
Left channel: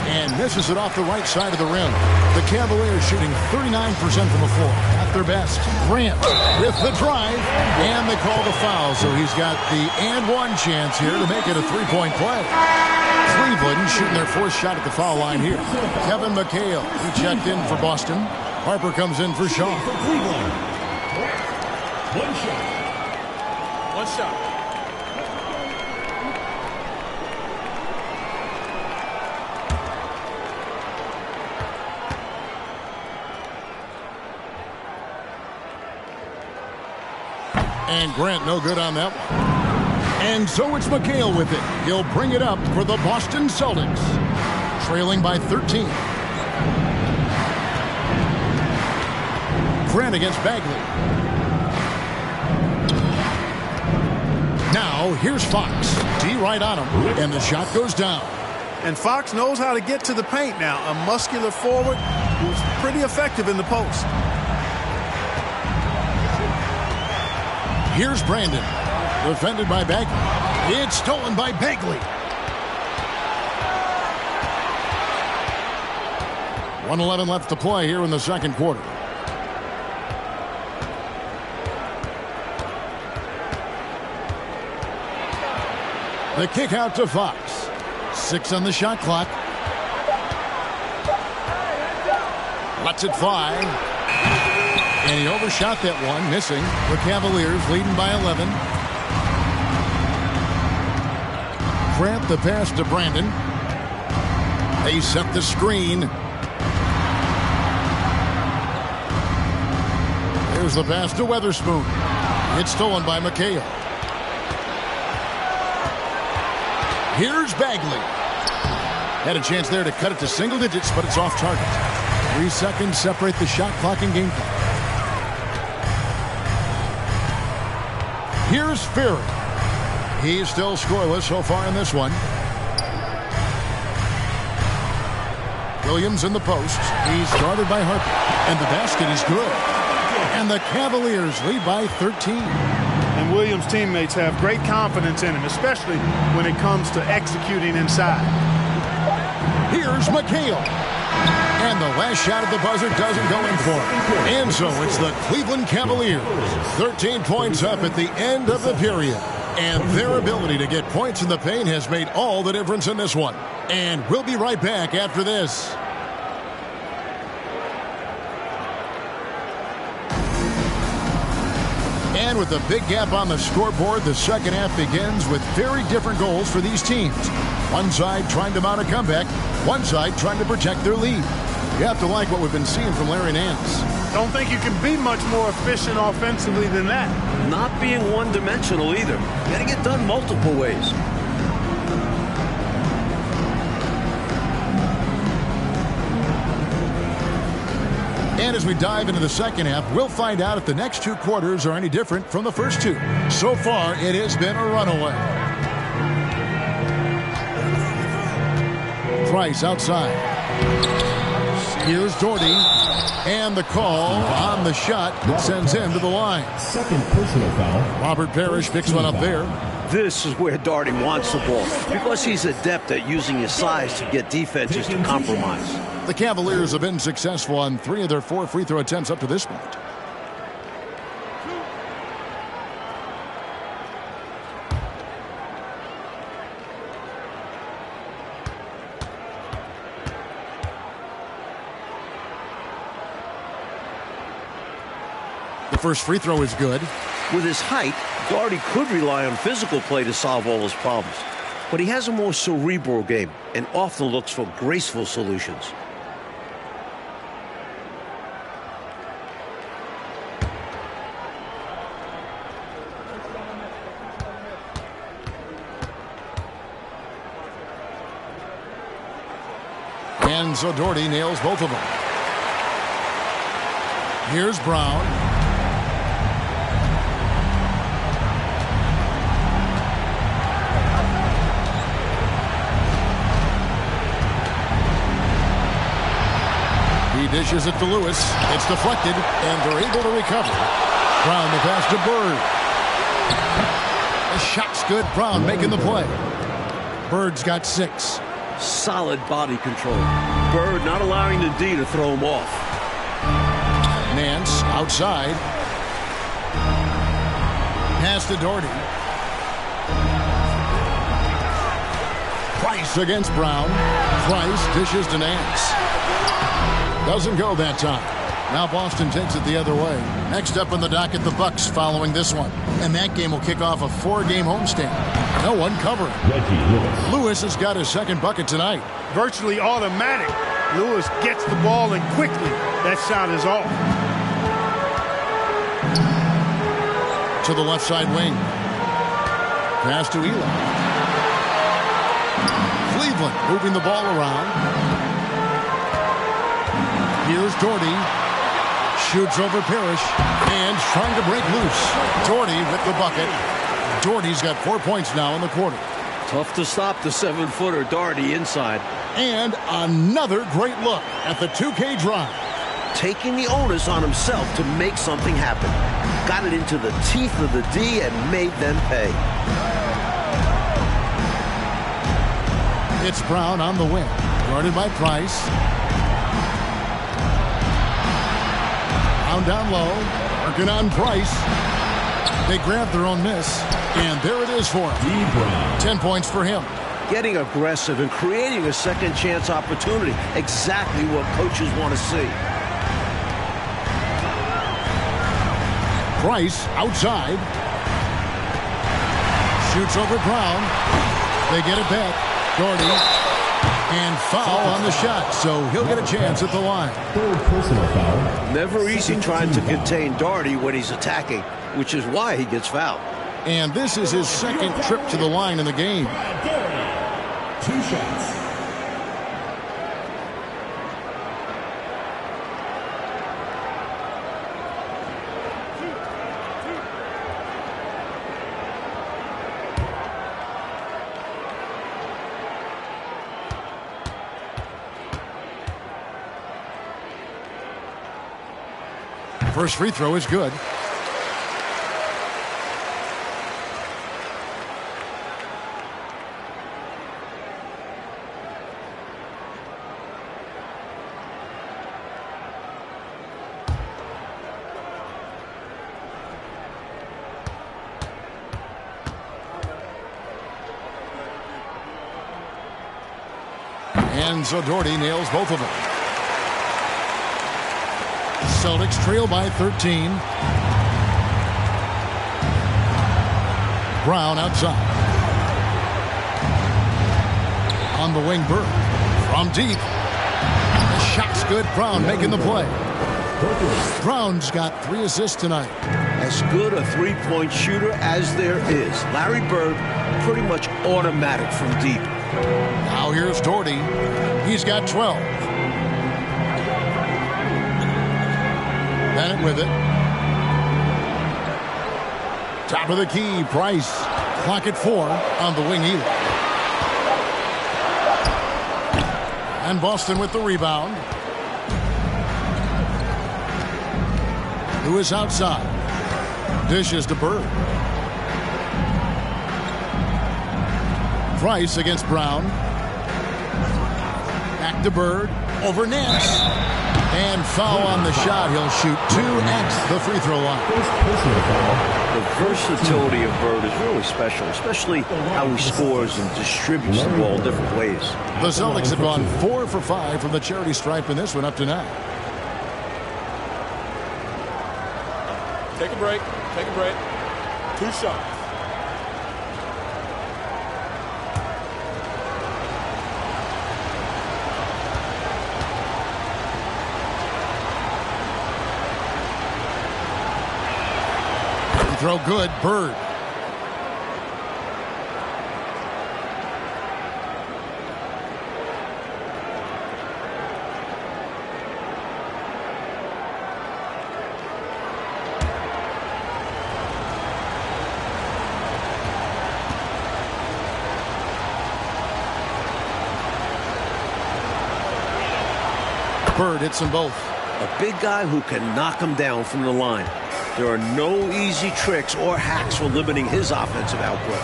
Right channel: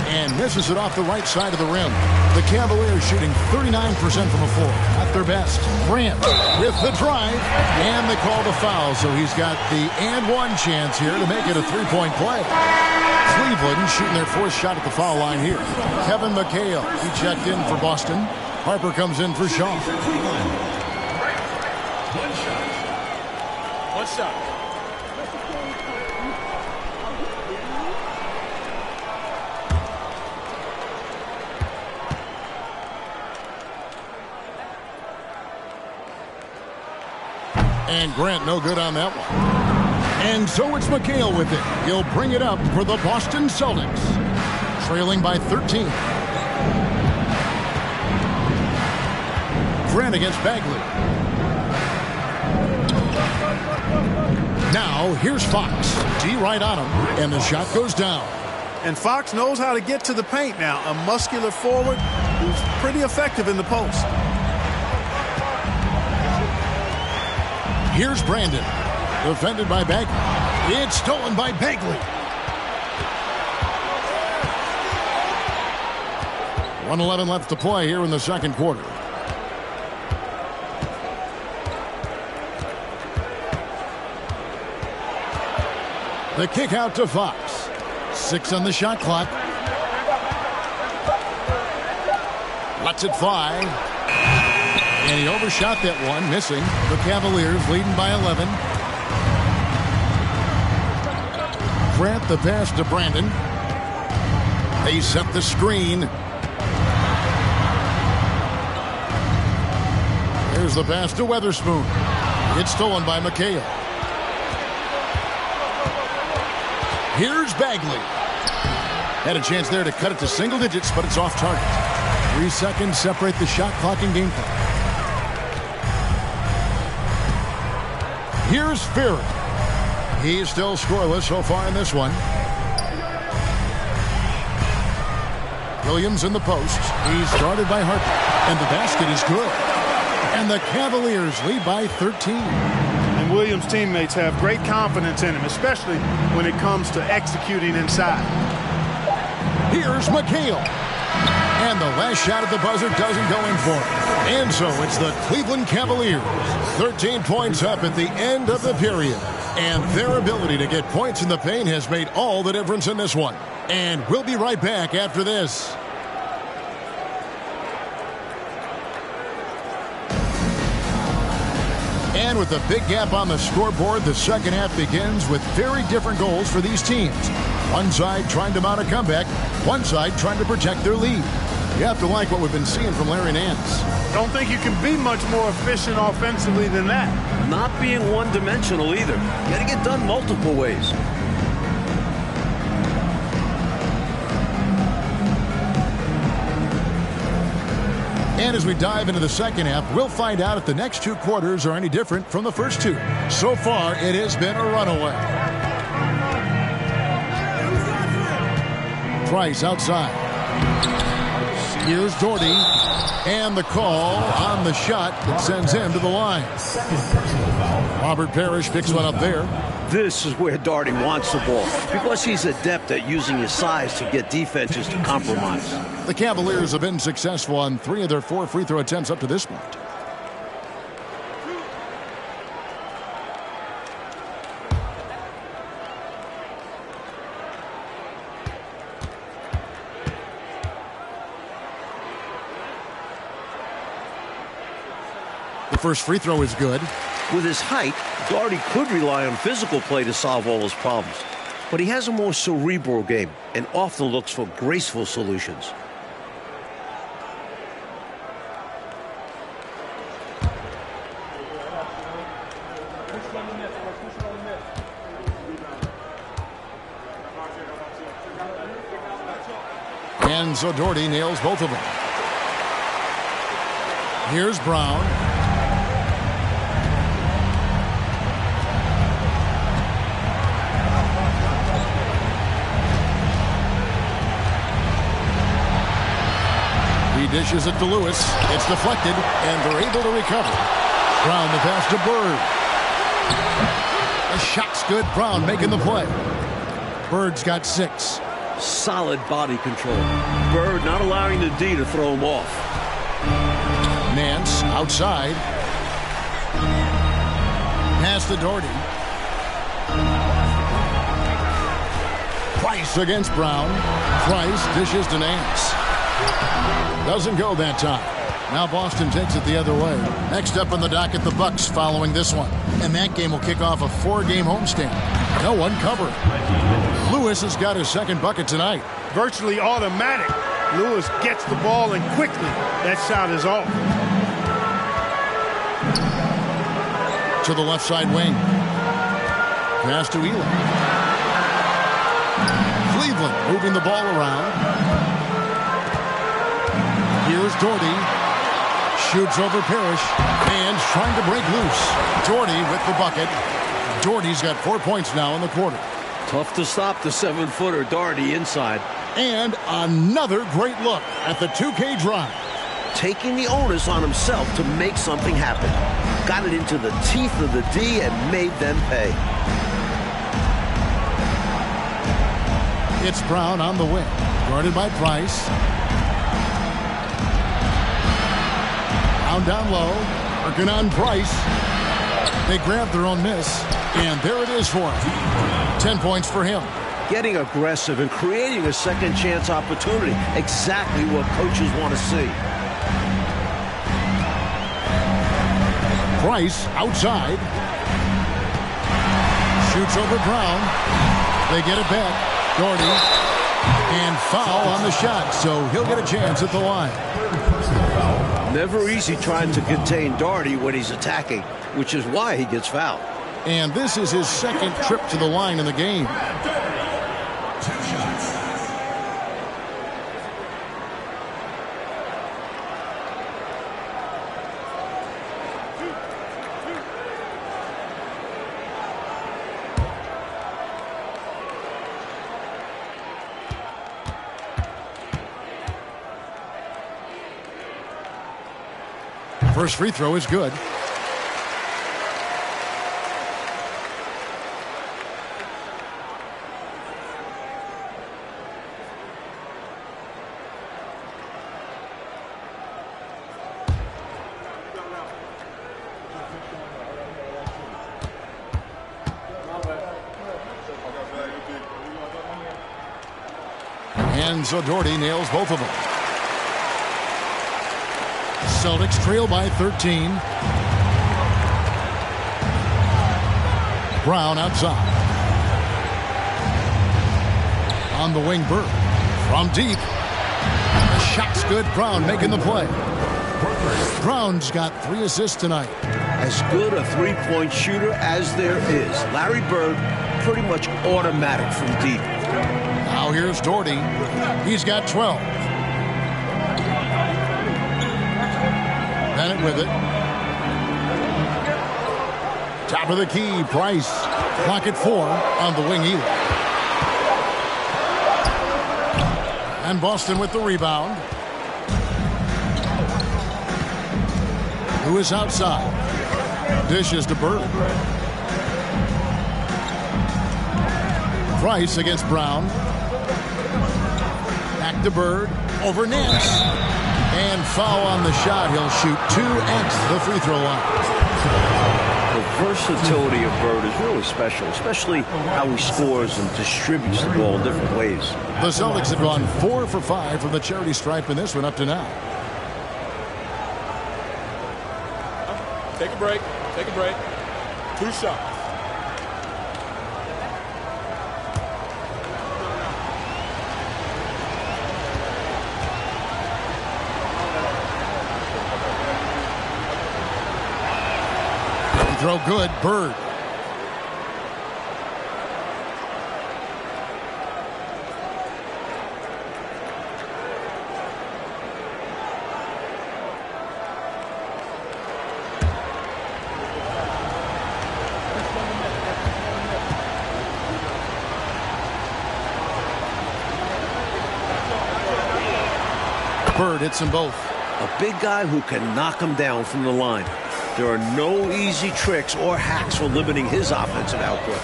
And misses it off the right side of the rim. The Cavaliers shooting 39% from the floor. At their best. Grant with the drive. And they call the foul. So he's got the and one chance here to make it a three-point play. Cleveland shooting their fourth shot at the foul line here. Kevin McHale, he checked in for Boston. Harper comes in for Shaw. Cleveland. One shot. One shot. And Grant no good on that one. And so it's McHale with it. He'll bring it up for the Boston Celtics. Trailing by 13. Grant against Bagley. Now here's Fox. D right on him. And the shot goes down. And Fox knows how to get to the paint now. A muscular forward who's pretty effective in the post. Here's Brandon. Defended by Bagley. It's stolen by Bagley. 1:11 left to play here in the second quarter. The kick out to Fox. 6 on the shot clock. Lets it fly. And he overshot that one, missing. The Cavaliers leading by 11. Grant the pass to Brandon. They set the screen. There's the pass to Weatherspoon. It's stolen by McHale. Here's Bagley. Had a chance there to cut it to single digits, but it's off target. 3 seconds separate the shot clock and game clock. Here's Fury. He's still scoreless so far in this one. Williams in the post. He's guarded by Harper. And the basket is good. And the Cavaliers lead by 13. And Williams' teammates have great confidence in him, especially when it comes to executing inside. Here's McHale. And the last shot at the buzzer doesn't go in for him. And so it's the Cleveland Cavaliers. 13 points up at the end of the period. And their ability to get points in the paint has made all the difference in this one. And we'll be right back after this. And with a big gap on the scoreboard, the second half begins with very different goals for these teams. One side trying to mount a comeback, one side trying to protect their lead. You have to like what we've been seeing from Larry Nance. Don't think you can be much more efficient offensively than that. Not being one-dimensional either. You got to get done multiple ways. And as we dive into the second half, we'll find out if the next 2 quarters are any different from the first 2. So far, it has been a runaway. Price outside. Here's Doherty. And the call on the shot that sends him to the line. Second personal foul. Robert Parrish picks one up there. This is where Doherty wants the ball because he's adept at using his size to get defenses to compromise. The Cavaliers have been successful on 3 of their 4 free throw attempts up to this point. The first free throw is good. With his height, Doherty could rely on physical play to solve all his problems. But he has a more cerebral game and often looks for graceful solutions. And so Doherty nails both of them. Here's Brown. He dishes it to Lewis. It's deflected, and they're able to recover. Brown the pass to Bird. The shot's good. Brown making the play. Bird's got 6. Solid body control. Bird not allowing the D to throw him off. Nance outside. Pass to Doherty. Price against Brown. Price dishes to Nance. Doesn't go that time. Now Boston takes it the other way. Next up on the docket, the Bucks following this one. And that game will kick off a 4-game homestand. No one covering. Lewis has got his second bucket tonight. Virtually automatic. Lewis gets the ball, and quickly that shot is off. To the left side wing. Pass to Elam. Cleveland moving the ball around. Here's Doherty. Shoots over Parrish. And trying to break loose. Doherty with the bucket. Doherty's got 4 points now in the quarter. Tough to stop the 7-footer Doherty inside. And another great look at the 2K drive. Taking the onus on himself to make something happen. Got it into the teeth of the D and made them pay. It's Brown on the wing. Guarded by Price. Brown down low. Working on Price. They grab their own miss. And there it is for him. 10 points for him. Getting aggressive and creating a second chance opportunity. Exactly what coaches want to see. Price outside. Shoots over Brown. They get it back. Doherty. And foul on the shot, so he'll get a chance at the line. Third personal foul. Never easy trying to contain Doherty when he's attacking, which is why he gets fouled. And this is his second trip to the line in the game. Doherty. 2 shots. First free throw is good. And so Doherty nails both of them. Celtics trail by 13. Brown outside. On the wing, Bird. From deep. The shot's good. Brown making the play. Brown's got 3 assists tonight. As good a three-point shooter as there is. Larry Bird, pretty much automatic from deep. Now here's Doherty. He's got 12. Bennett with it. Top of the key, Price. Clock at 4 on the wing, Elam. And Boston with the rebound. Lewis outside. Dishes to Bird. Price against Brown. Back to Bird. Over Nance. And foul on the shot. He'll shoot 2 at the free throw line. The versatility of Bird is really special, especially how he scores and distributes the ball in different ways. The Celtics have gone 4 for 5 from the charity stripe in this one up to now. Take a break. Take a break. 2 shots. Throw good, Bird. Bird hits them both. A big guy who can knock him down from the line. There are no easy tricks or hacks for limiting his offensive output.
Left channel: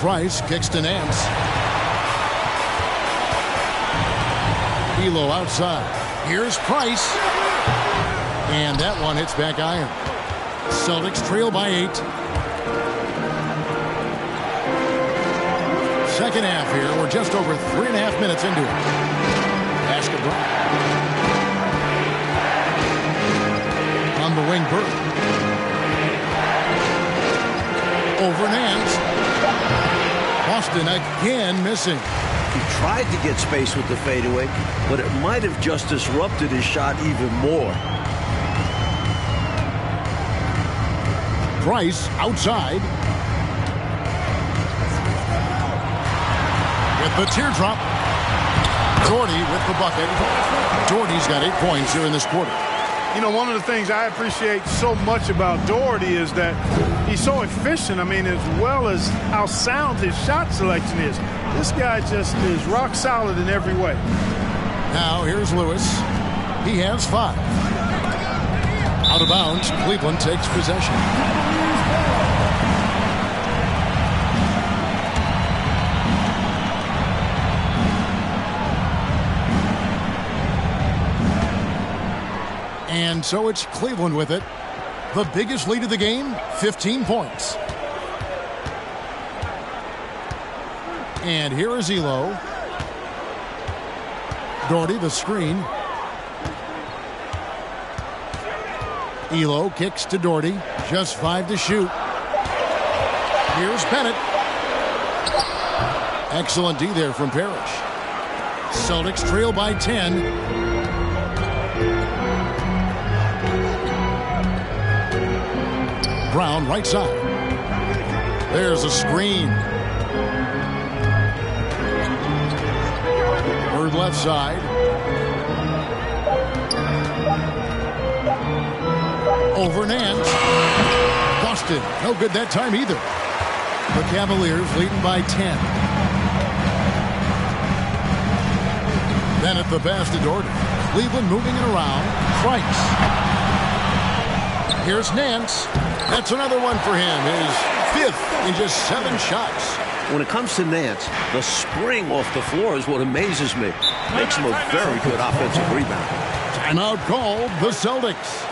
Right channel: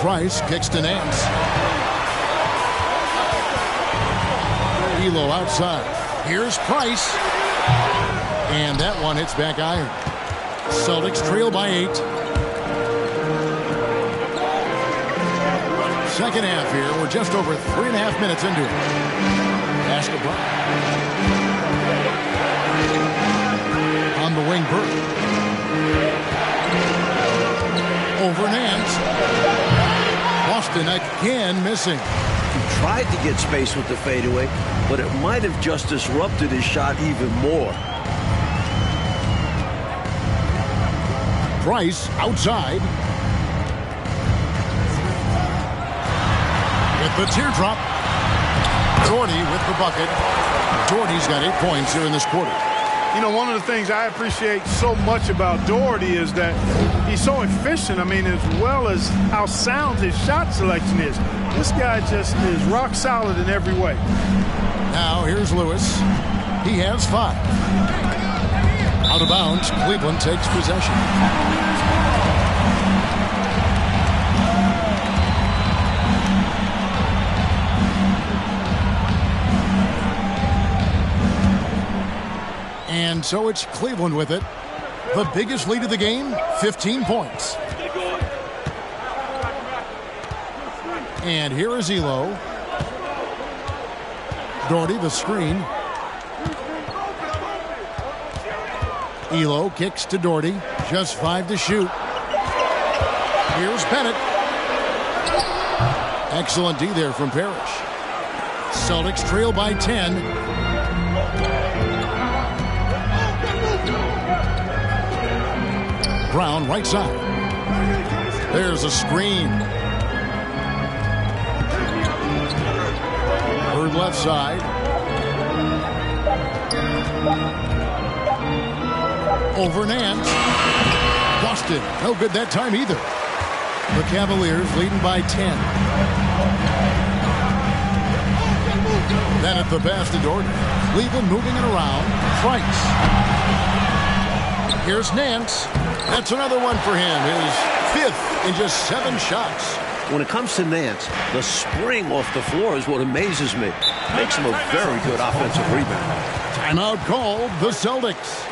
Price kicks to Nance. Elo outside. Here's Price. And that one hits back iron. Celtics trail by 8. Second half here. We're just over 3.5 minutes into it. Pass to Brown. On the wing, Burke. Over Nance. Boston again missing. He tried to get space with the fadeaway, but it might have just disrupted his shot even more. Price outside. With the teardrop. Doherty with the bucket. Doherty's got 8 points here in this quarter. You know, one of the things I appreciate so much about Doherty is that he's so efficient. I mean, as well as how sound his shot selection is. This guy just is rock solid in every way. Now here's Lewis. He has 5. Out of bounds, Cleveland takes possession. And so it's Cleveland with it. The biggest lead of the game, 15 points. And here is Elo. Doherty, the screen. Elo kicks to Doherty. Just 5 to shoot. Here's Bennett. Excellent D there from Parrish. Celtics trail by 10. Brown right side. There's a screen. Bird left side. Over Nance. Boston. No good that time either. The Cavaliers leading by 10. Then at the pass to Doherty. Cleveland moving it around. Price. Here's Nance. That's another one for him. His 5th in just 7 shots. When it comes to Nance, the spring off the floor is what amazes me. Makes him a very good offensive rebounder. Timeout called the Celtics.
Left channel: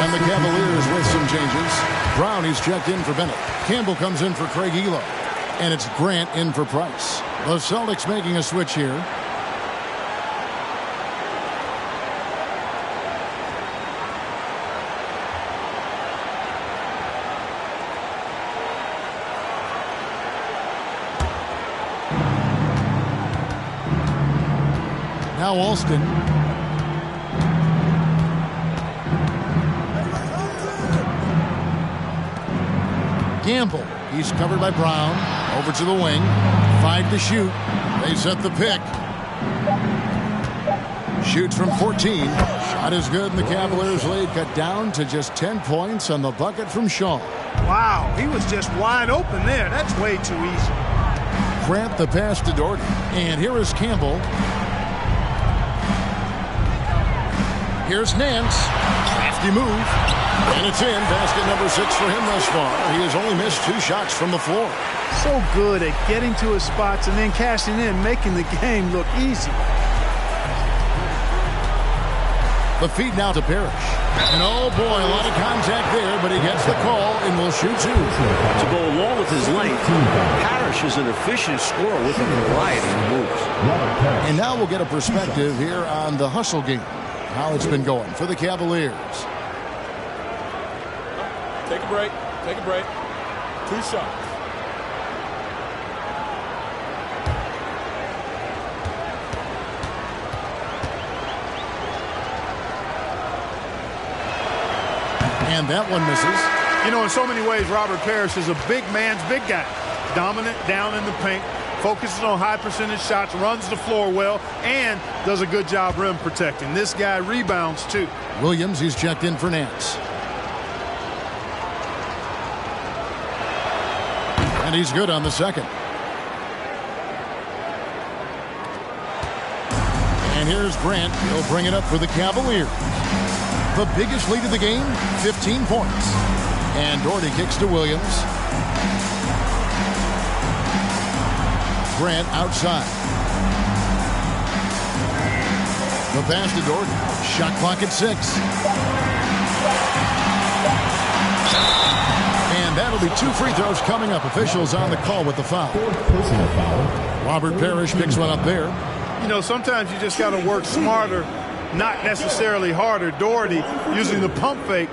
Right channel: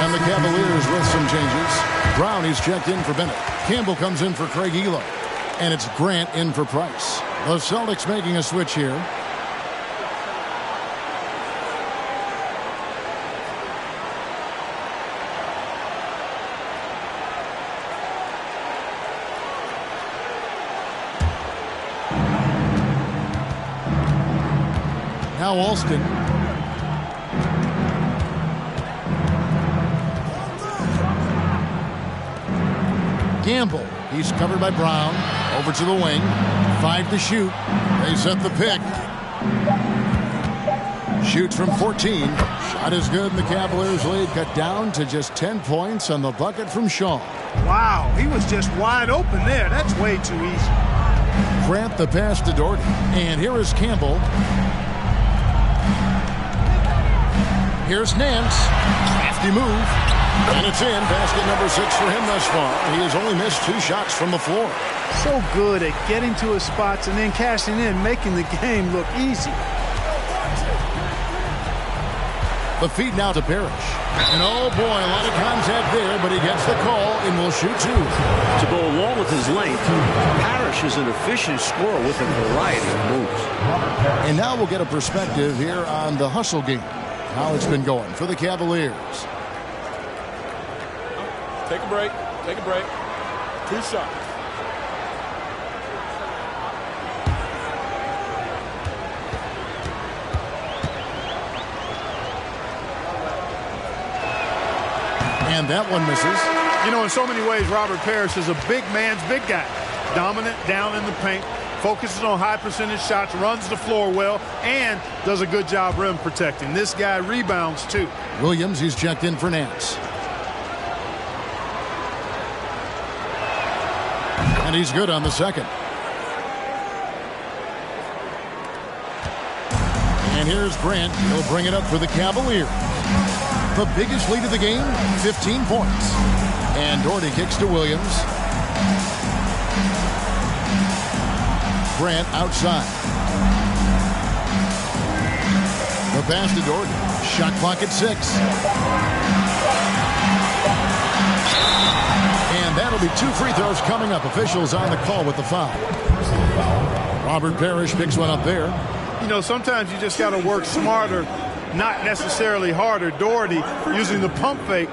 And the Cavaliers with some changes. Brown is checked in for Bennett. Campbell comes in for Craig Elo. And it's Grant in for Price. The Celtics making a switch here. Now Alston. Gamble He's covered by Brown. Over to the wing. 5 to shoot. They set the pick. Shoots from 14. Shot is good, and the Cavaliers lead cut down to just 10 points on the bucket from Shaw. Wow, he was just wide open there. That's way too easy. Grant the pass to Doherty. And here is Campbell. Here's Nance. Crafty move. And it's in. Basket number 6 for him thus far. He has only missed 2 shots from the floor. So good at getting to his spots and then cashing in, making the game look easy. The feed now to Parrish. And oh boy, a lot of contact there, but he gets the call and will shoot 2. To go along with his length, Parrish is an efficient scorer with a variety of moves. And now we'll get a perspective here on the hustle game. How it's been going for the Cavaliers. Take a break. Take a break. 2 shots. And that one misses. You know, in so many ways, Robert Parrish is a big man's big guy. Dominant down in the paint, focuses on high percentage shots, runs the floor well, and does a good job rim protecting. This guy rebounds, too. Williams, he's checked in for Nance. And he's good on the second. And here's Grant. He'll bring it up for the Cavaliers. The biggest lead of the game, 15 points. And Doherty kicks to Williams. Grant outside. The pass to Doherty. Shot clock at 6. And that'll be 2 free throws coming up. Officials on the call with the foul. Personal foul. Robert Parrish picks one up there. You know, sometimes you just got to work smarter, not necessarily harder. Doherty using the pump fake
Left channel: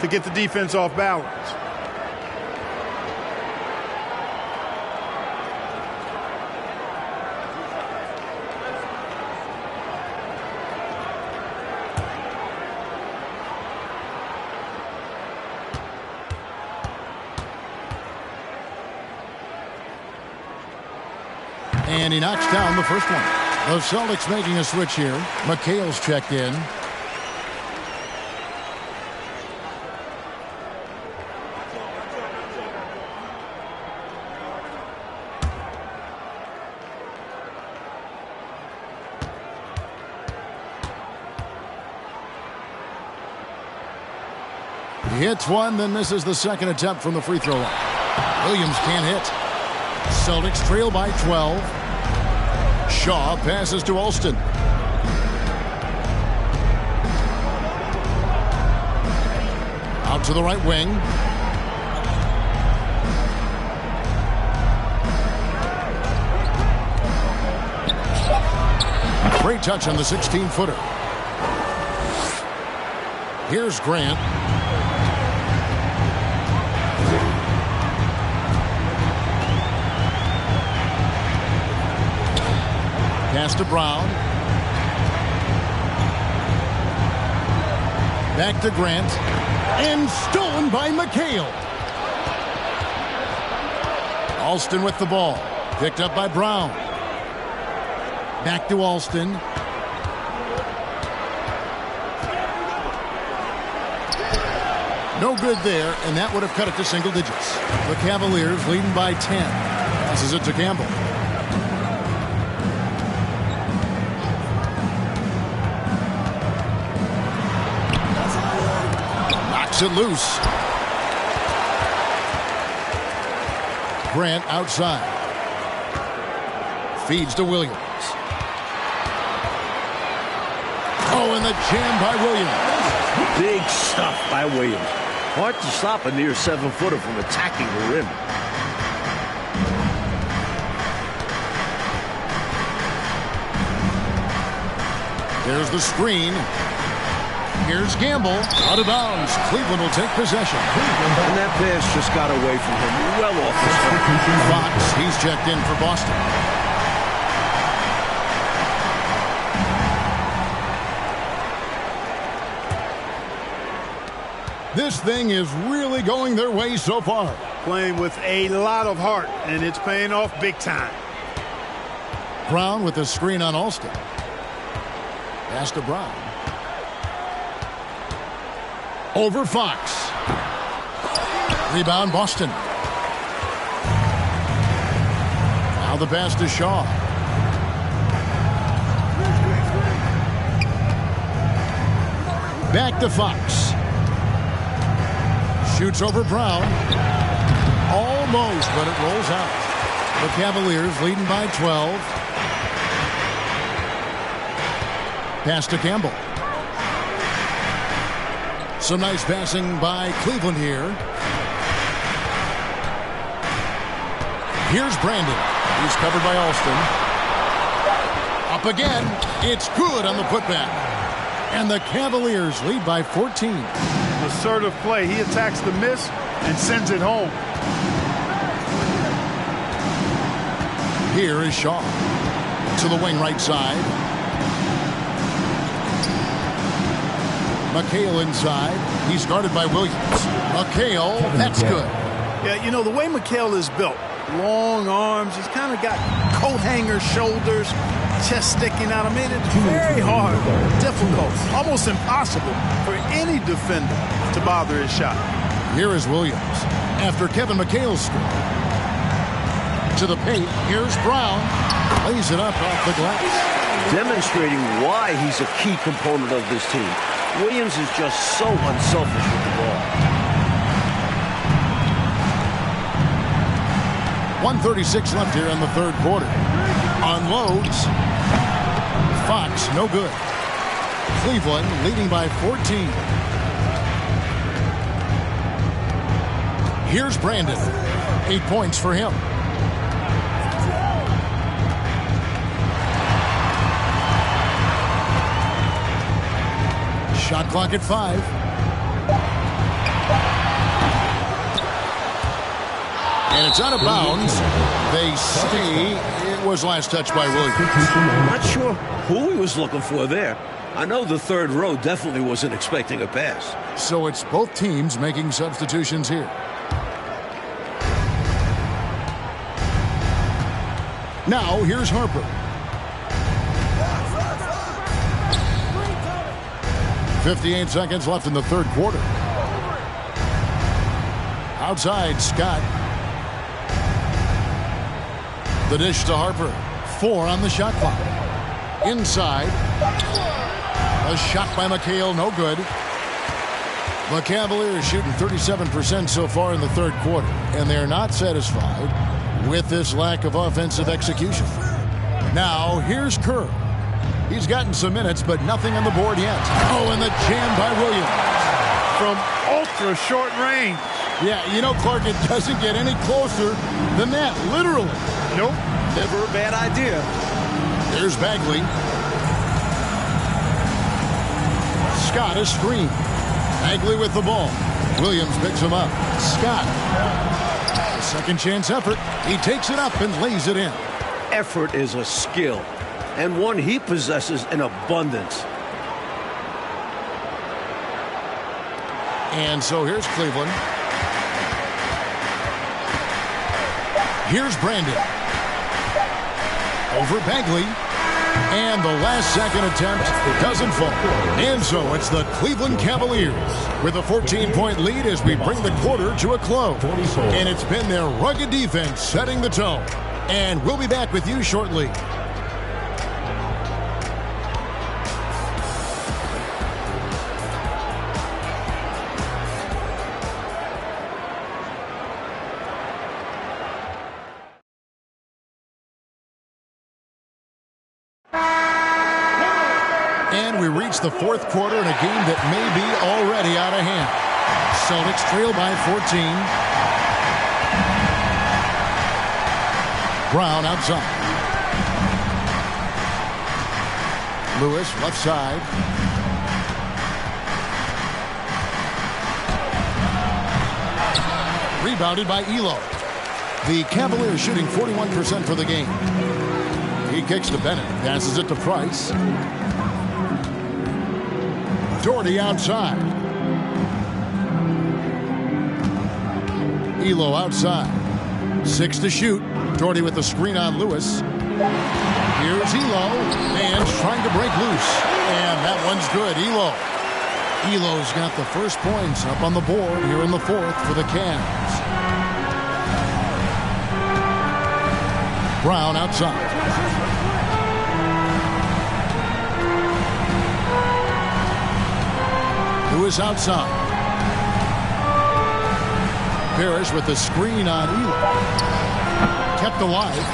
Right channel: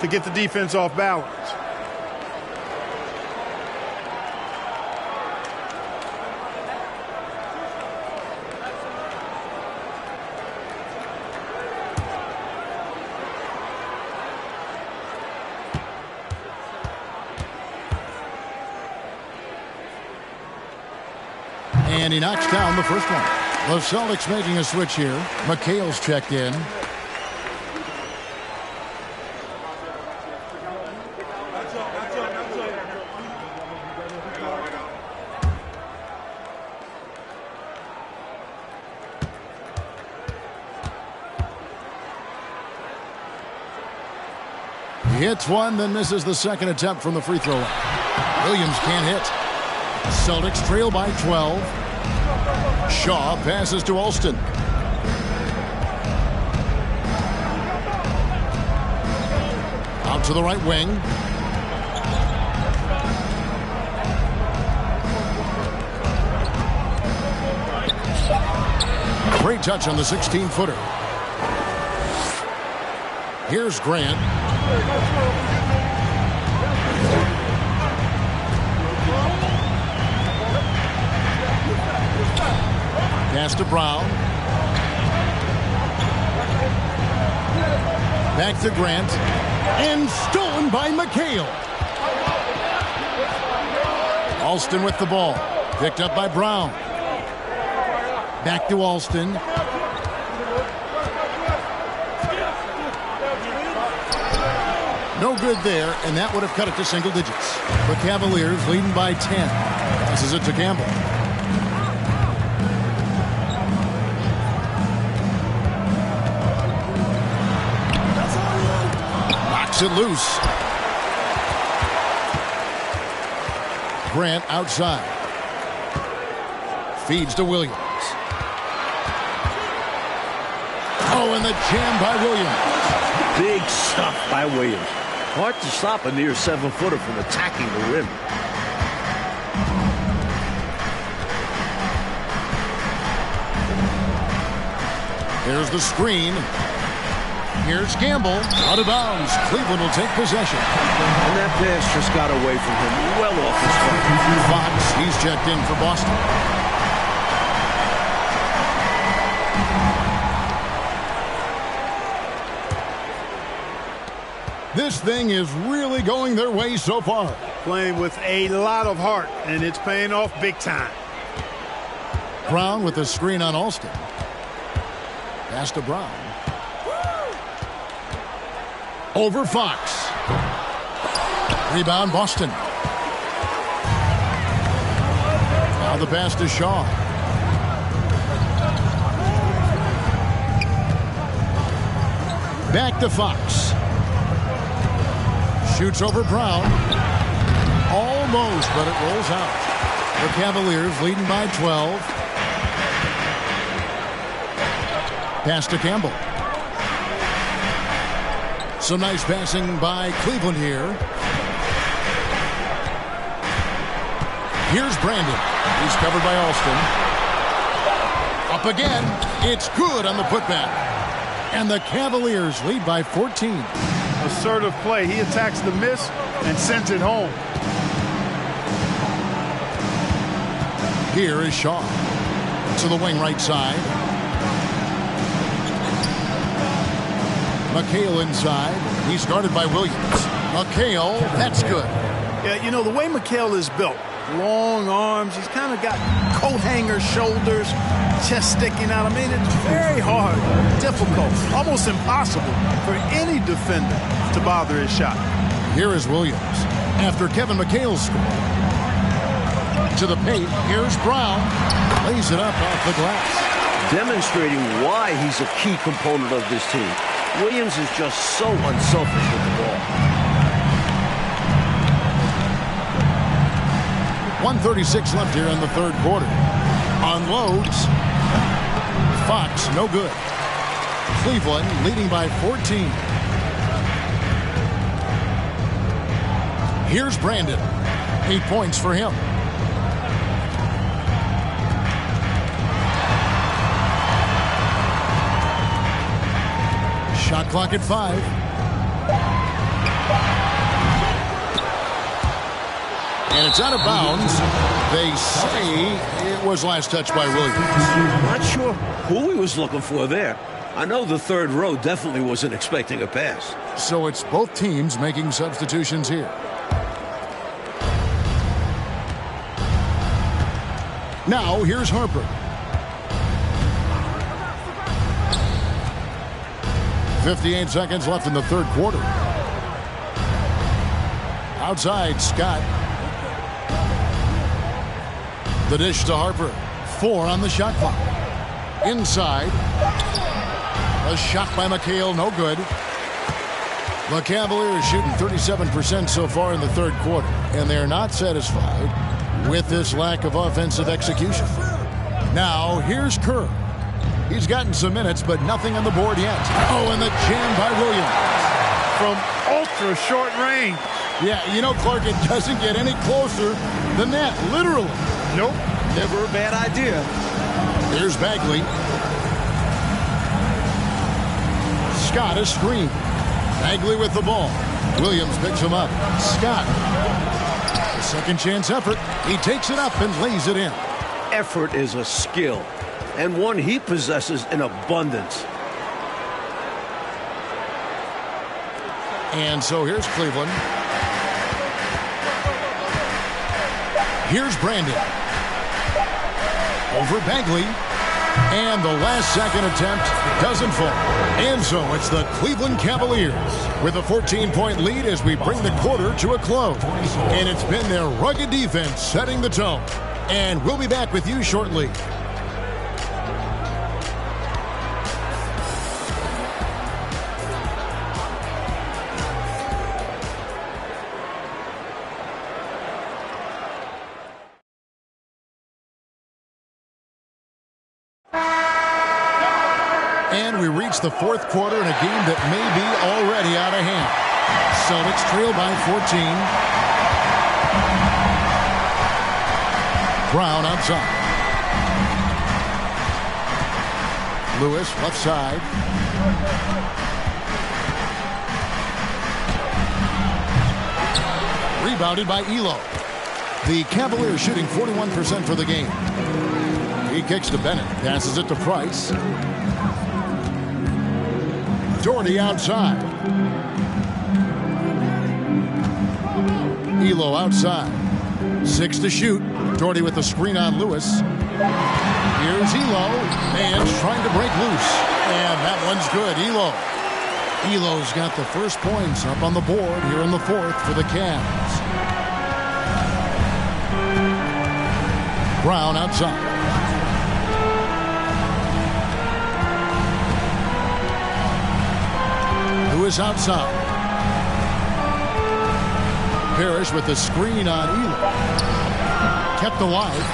to get the defense off balance. And he knocks down the first one. The Celtics making a switch here. McHale's checked in. He hits one, then misses the second attempt from the free throw line. Williams can't hit. Celtics trail by 12. Shaw passes to Alston. Out to the right wing. Great touch on the 16-footer. Here's Grant. Pass to Brown. Back to Grant. And stolen by McHale. Alston with the ball. Picked up by Brown. Back to Alston. No good there, and that would have cut it to single digits. The Cavaliers leading by 10. Passes it to Campbell. Knocks it loose. Grant outside. Feeds to Williams. Oh, and the jam by Williams. Big stuff by Williams. Hard to stop a near 7-footer from attacking the rim. There's the screen. Here's Gamble. Out of bounds. Cleveland will take possession. And that pass just got away from him. Well off his target. Fox, he's checked in for Boston. This thing is really going their way so far. Playing with a lot of heart, and it's paying off big time. Brown with the screen on Alston. Pass to Brown. Over Fox. Rebound Boston. Now the pass to Shaw. Back to Fox. Shoots over Brown. Almost, but it rolls out. The Cavaliers leading by 12. Pass to Campbell. Some nice passing by Cleveland here. Here's Brandon. He's covered by Alston. Up again. It's good on the putback. And the Cavaliers lead by 14. Assertive play. He attacks the miss and sends it home. Here is Shaw. To the wing right side. McHale inside. He's guarded by Williams. McHale, that's good. Yeah, you know, the way McHale is built, long arms, he's kind of got coat hanger shoulders, chest sticking out. I mean, it's very hard, difficult, almost impossible for any defender to bother his shot. Here is Williams. After Kevin McHale scored. To the paint, here's Brown. Lays it up off the glass. Demonstrating why he's a key component of this team. Williams is just so unselfish with the ball. 1:36 left here in the third quarter. Unloads. Fox, no good. Cleveland leading by 14. Here's Brandon. 8 points for him. Shot clock at 5. And it's out of bounds. They say it was last touched by Williams. I'm not sure who he was looking for there. I know the third row definitely wasn't expecting a pass. So it's both teams making substitutions here. Now here's Harper. 58 seconds left in the third quarter. Outside, Scott. The dish to Harper. 4 on the shot clock. Inside. A shot by McHale, no good. The Cavaliers shooting 37% so far in the third quarter, and they're not satisfied with this lack of offensive execution. Now, here's Kerr. He's gotten some minutes, but nothing on the board yet. Oh, and the jam by Williams. From ultra short range. Yeah, you know, Clark, it doesn't get any closer than that, literally. Nope. Never a bad idea. There's Bagley. Scott is screened. Bagley with the ball. Williams picks him up. Scott. A second chance effort. He takes it up and lays it in. Effort is a skill, and one he possesses in abundance. And so here's Cleveland. Here's Brandon. Over Bagley. And the last second attempt doesn't fall. And so it's the Cleveland Cavaliers with a 14-point lead as we bring the quarter to a close. And it's been their rugged defense setting the tone. And we'll be back with you shortly. And we reach the fourth quarter in a game that may be already out of hand. Celtics trail by 14. Brown outside. Lewis left side. Rebounded by Elo. The Cavaliers shooting 41% for the game. He kicks to Bennett. Passes it to Price. Doherty outside. Elo outside. 6 to shoot. Doherty with the screen on Lewis. Here's Elo. Man's trying to break loose. And that one's good. Elo's got the first points up on the board here in the fourth for the Cavs. Brown outside. Lewis outside. Parrish with the screen on Elo. Kept alive.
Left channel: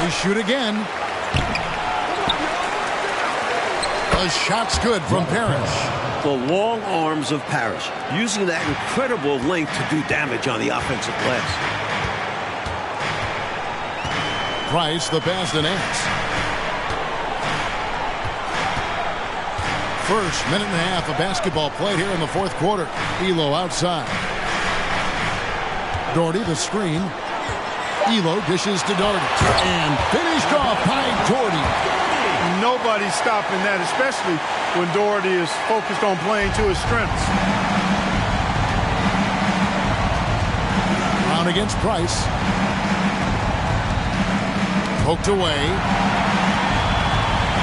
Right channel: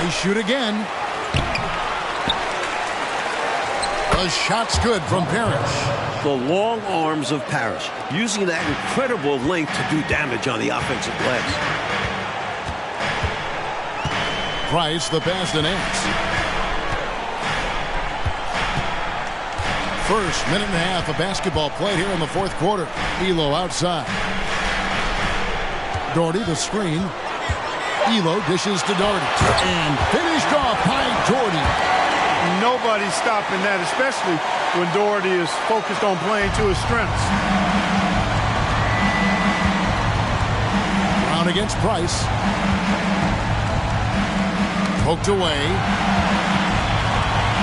They shoot again. The shot's good from Parrish. The long arms of Parrish, using that incredible length to do damage on the offensive glass. Price, the pass to Nance. First minute and a half of basketball played here in the fourth quarter. Elo outside. Doherty, the screen. Elo dishes to Doherty. And finished off by Doherty. Nobody's stopping that, especially when Doherty is focused on playing to his strengths. Brown against Price. Poked away.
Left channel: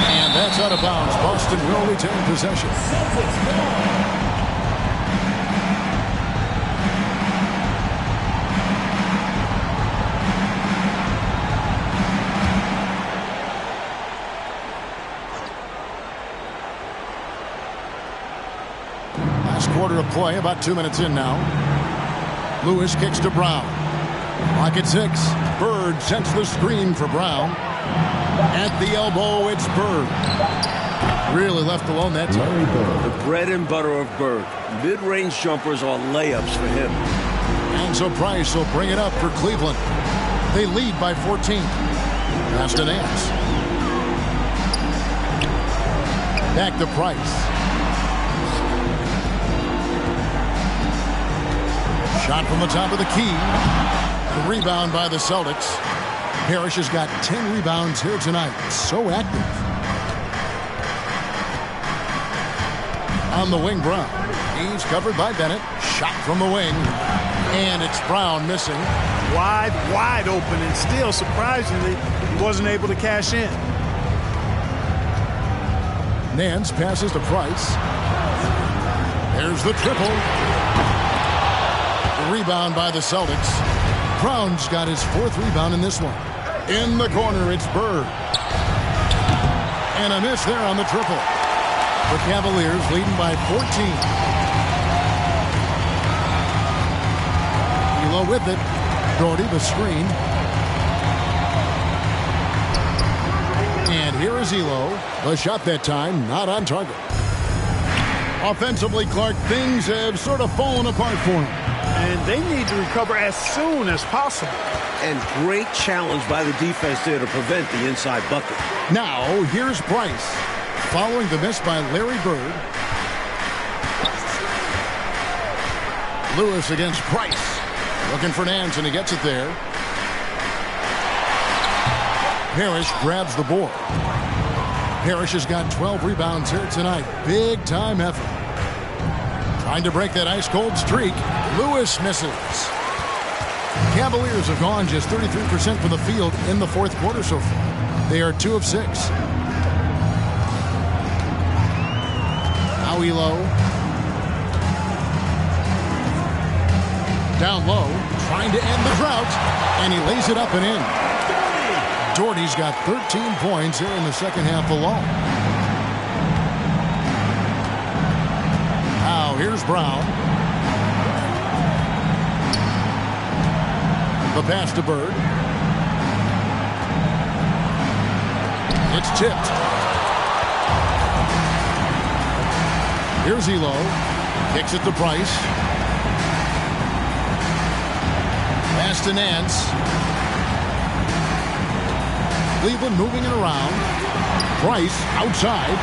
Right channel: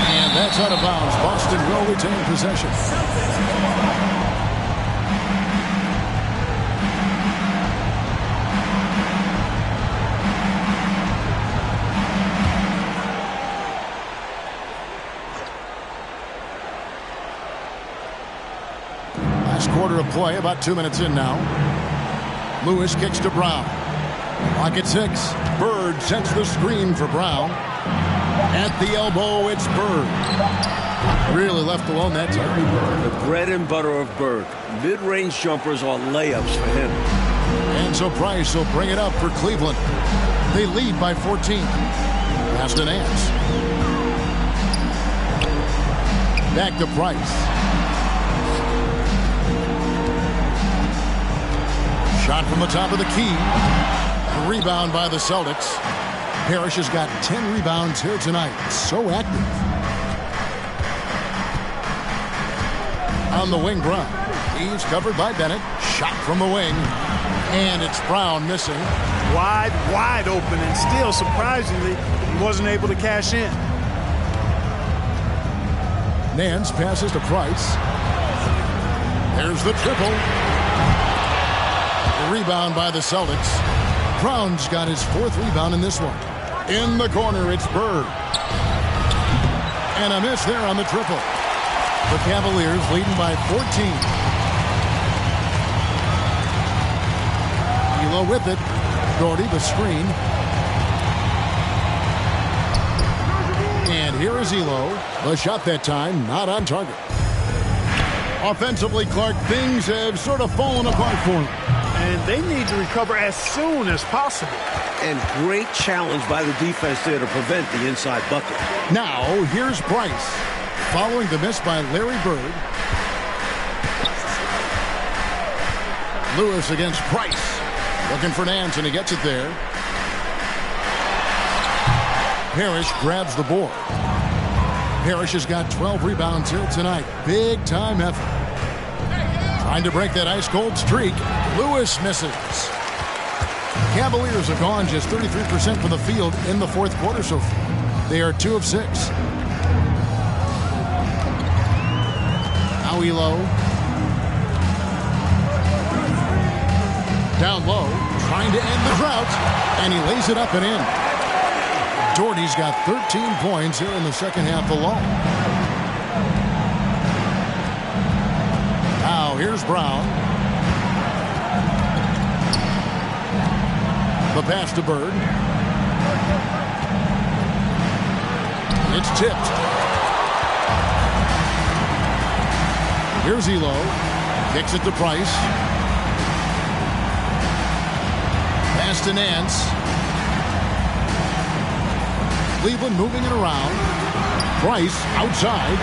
And that's out of bounds. Boston will retain possession. Last quarter of play, about 2 minutes in now. Lewis kicks to Brown. Clock at 6. Bird sets the screen for Brown. At the elbow, it's Bird. Really left alone that time. The bread and butter of Bird. Mid-range jumpers are layups for him. And so Price will bring it up for Cleveland. They lead by 14. Pass to Nance. Back to Price. Shot from the top of the key. The rebound by the Celtics. Parrish has got 10 rebounds here tonight. So active. On the wing, Brown. He's covered by Bennett. Shot from the wing. And it's Brown missing. Wide open, and still, surprisingly, he wasn't able to cash in. Nance passes to Price. There's the triple. The rebound by the Celtics. Brown's got his 4th rebound in this one. In the corner, it's Bird. And a miss there on the triple. The Cavaliers leading by 14. Elo with it. Doherty, the screen. And here is Elo. The shot that time, not on target. Offensively, Clark, things have sort of fallen apart for him. And they need to recover as soon as possible. And great challenge by the defense there to prevent the inside bucket. Now, here's Price. Following the miss by Larry Bird. Lewis against Price. Looking for Nance, and he gets it there. Parrish grabs the board. Parrish has got 12 rebounds here tonight. Big time effort. Trying to break that ice-cold streak. Lewis misses. Cavaliers have gone just 33% from the field in the fourth quarter so far. They are 2 of 6. Now Elo. Down low, trying to end the drought, and he lays it up and in. Doherty's got 13 points here in the second half alone. Now here's Brown. The pass to Bird. It's tipped. Here's Elo. Kicks it to Price. Pass to Nance. Cleveland moving it around. Price outside.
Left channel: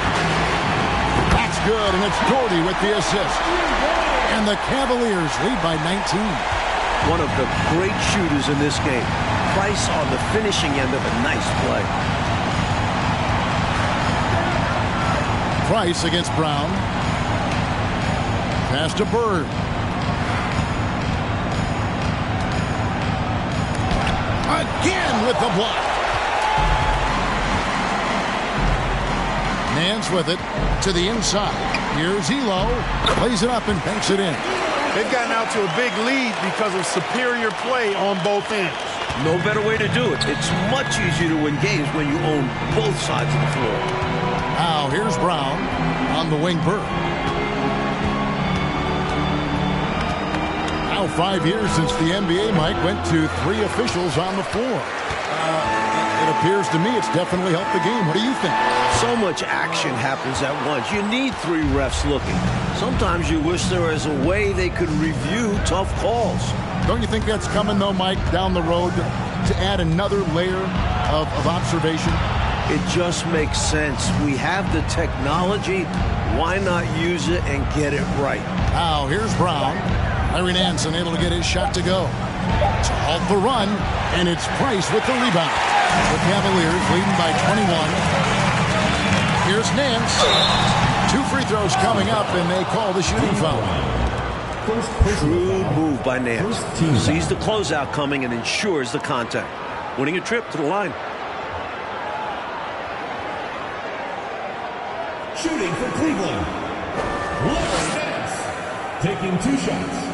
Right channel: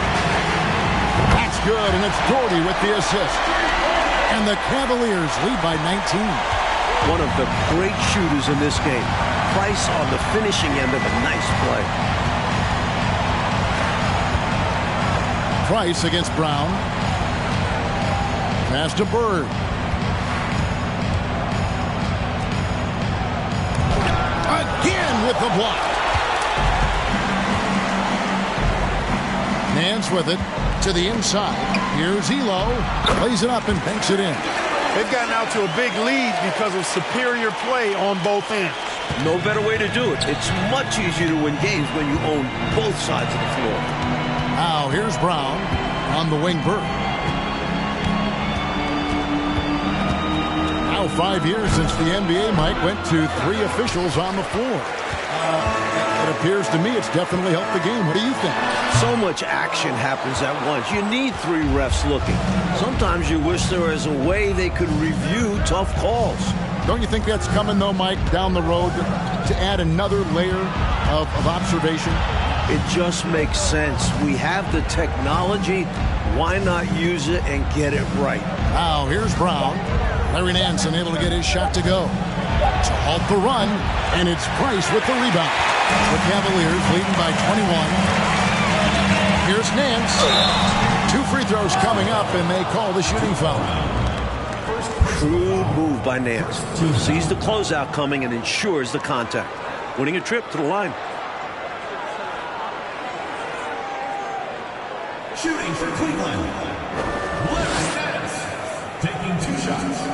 That's good, and it's Doherty with the assist. And the Cavaliers lead by 19. One of the great shooters in this game. Price on the finishing end of a nice play. Price against Brown. Pass to Bird. in with the block. Nance with it to the inside. Here's Elo. Plays it up and banks it in. They've gotten out to a big lead because of superior play on both ends. No better way to do it. It's much easier to win games when you own both sides of the floor. Now here's Brown on the wing Bird. Now 5 years since the NBA, Mike, went to 3 officials on the floor. It appears to me it's definitely helped the game. What do you think? So much action happens at once. You need 3 refs looking. Sometimes you wish there was a way they could review tough calls. Don't you think that's coming, though, Mike, down the road to add another layer of observation? It just makes sense. We have the technology. Why not use it and get it right? Now here's Brown. Larry Nance unable to get his shot to go. To halt the run, and it's Price with the rebound. The Cavaliers leading by 21. Here's Nance. 2 free throws coming up, and they call the shooting foul. Shrewd move by Nance. Sees the closeout coming and ensures the contact. Winning a trip to the line. Shooting for Cleveland, Larry Nance, taking 2 shots.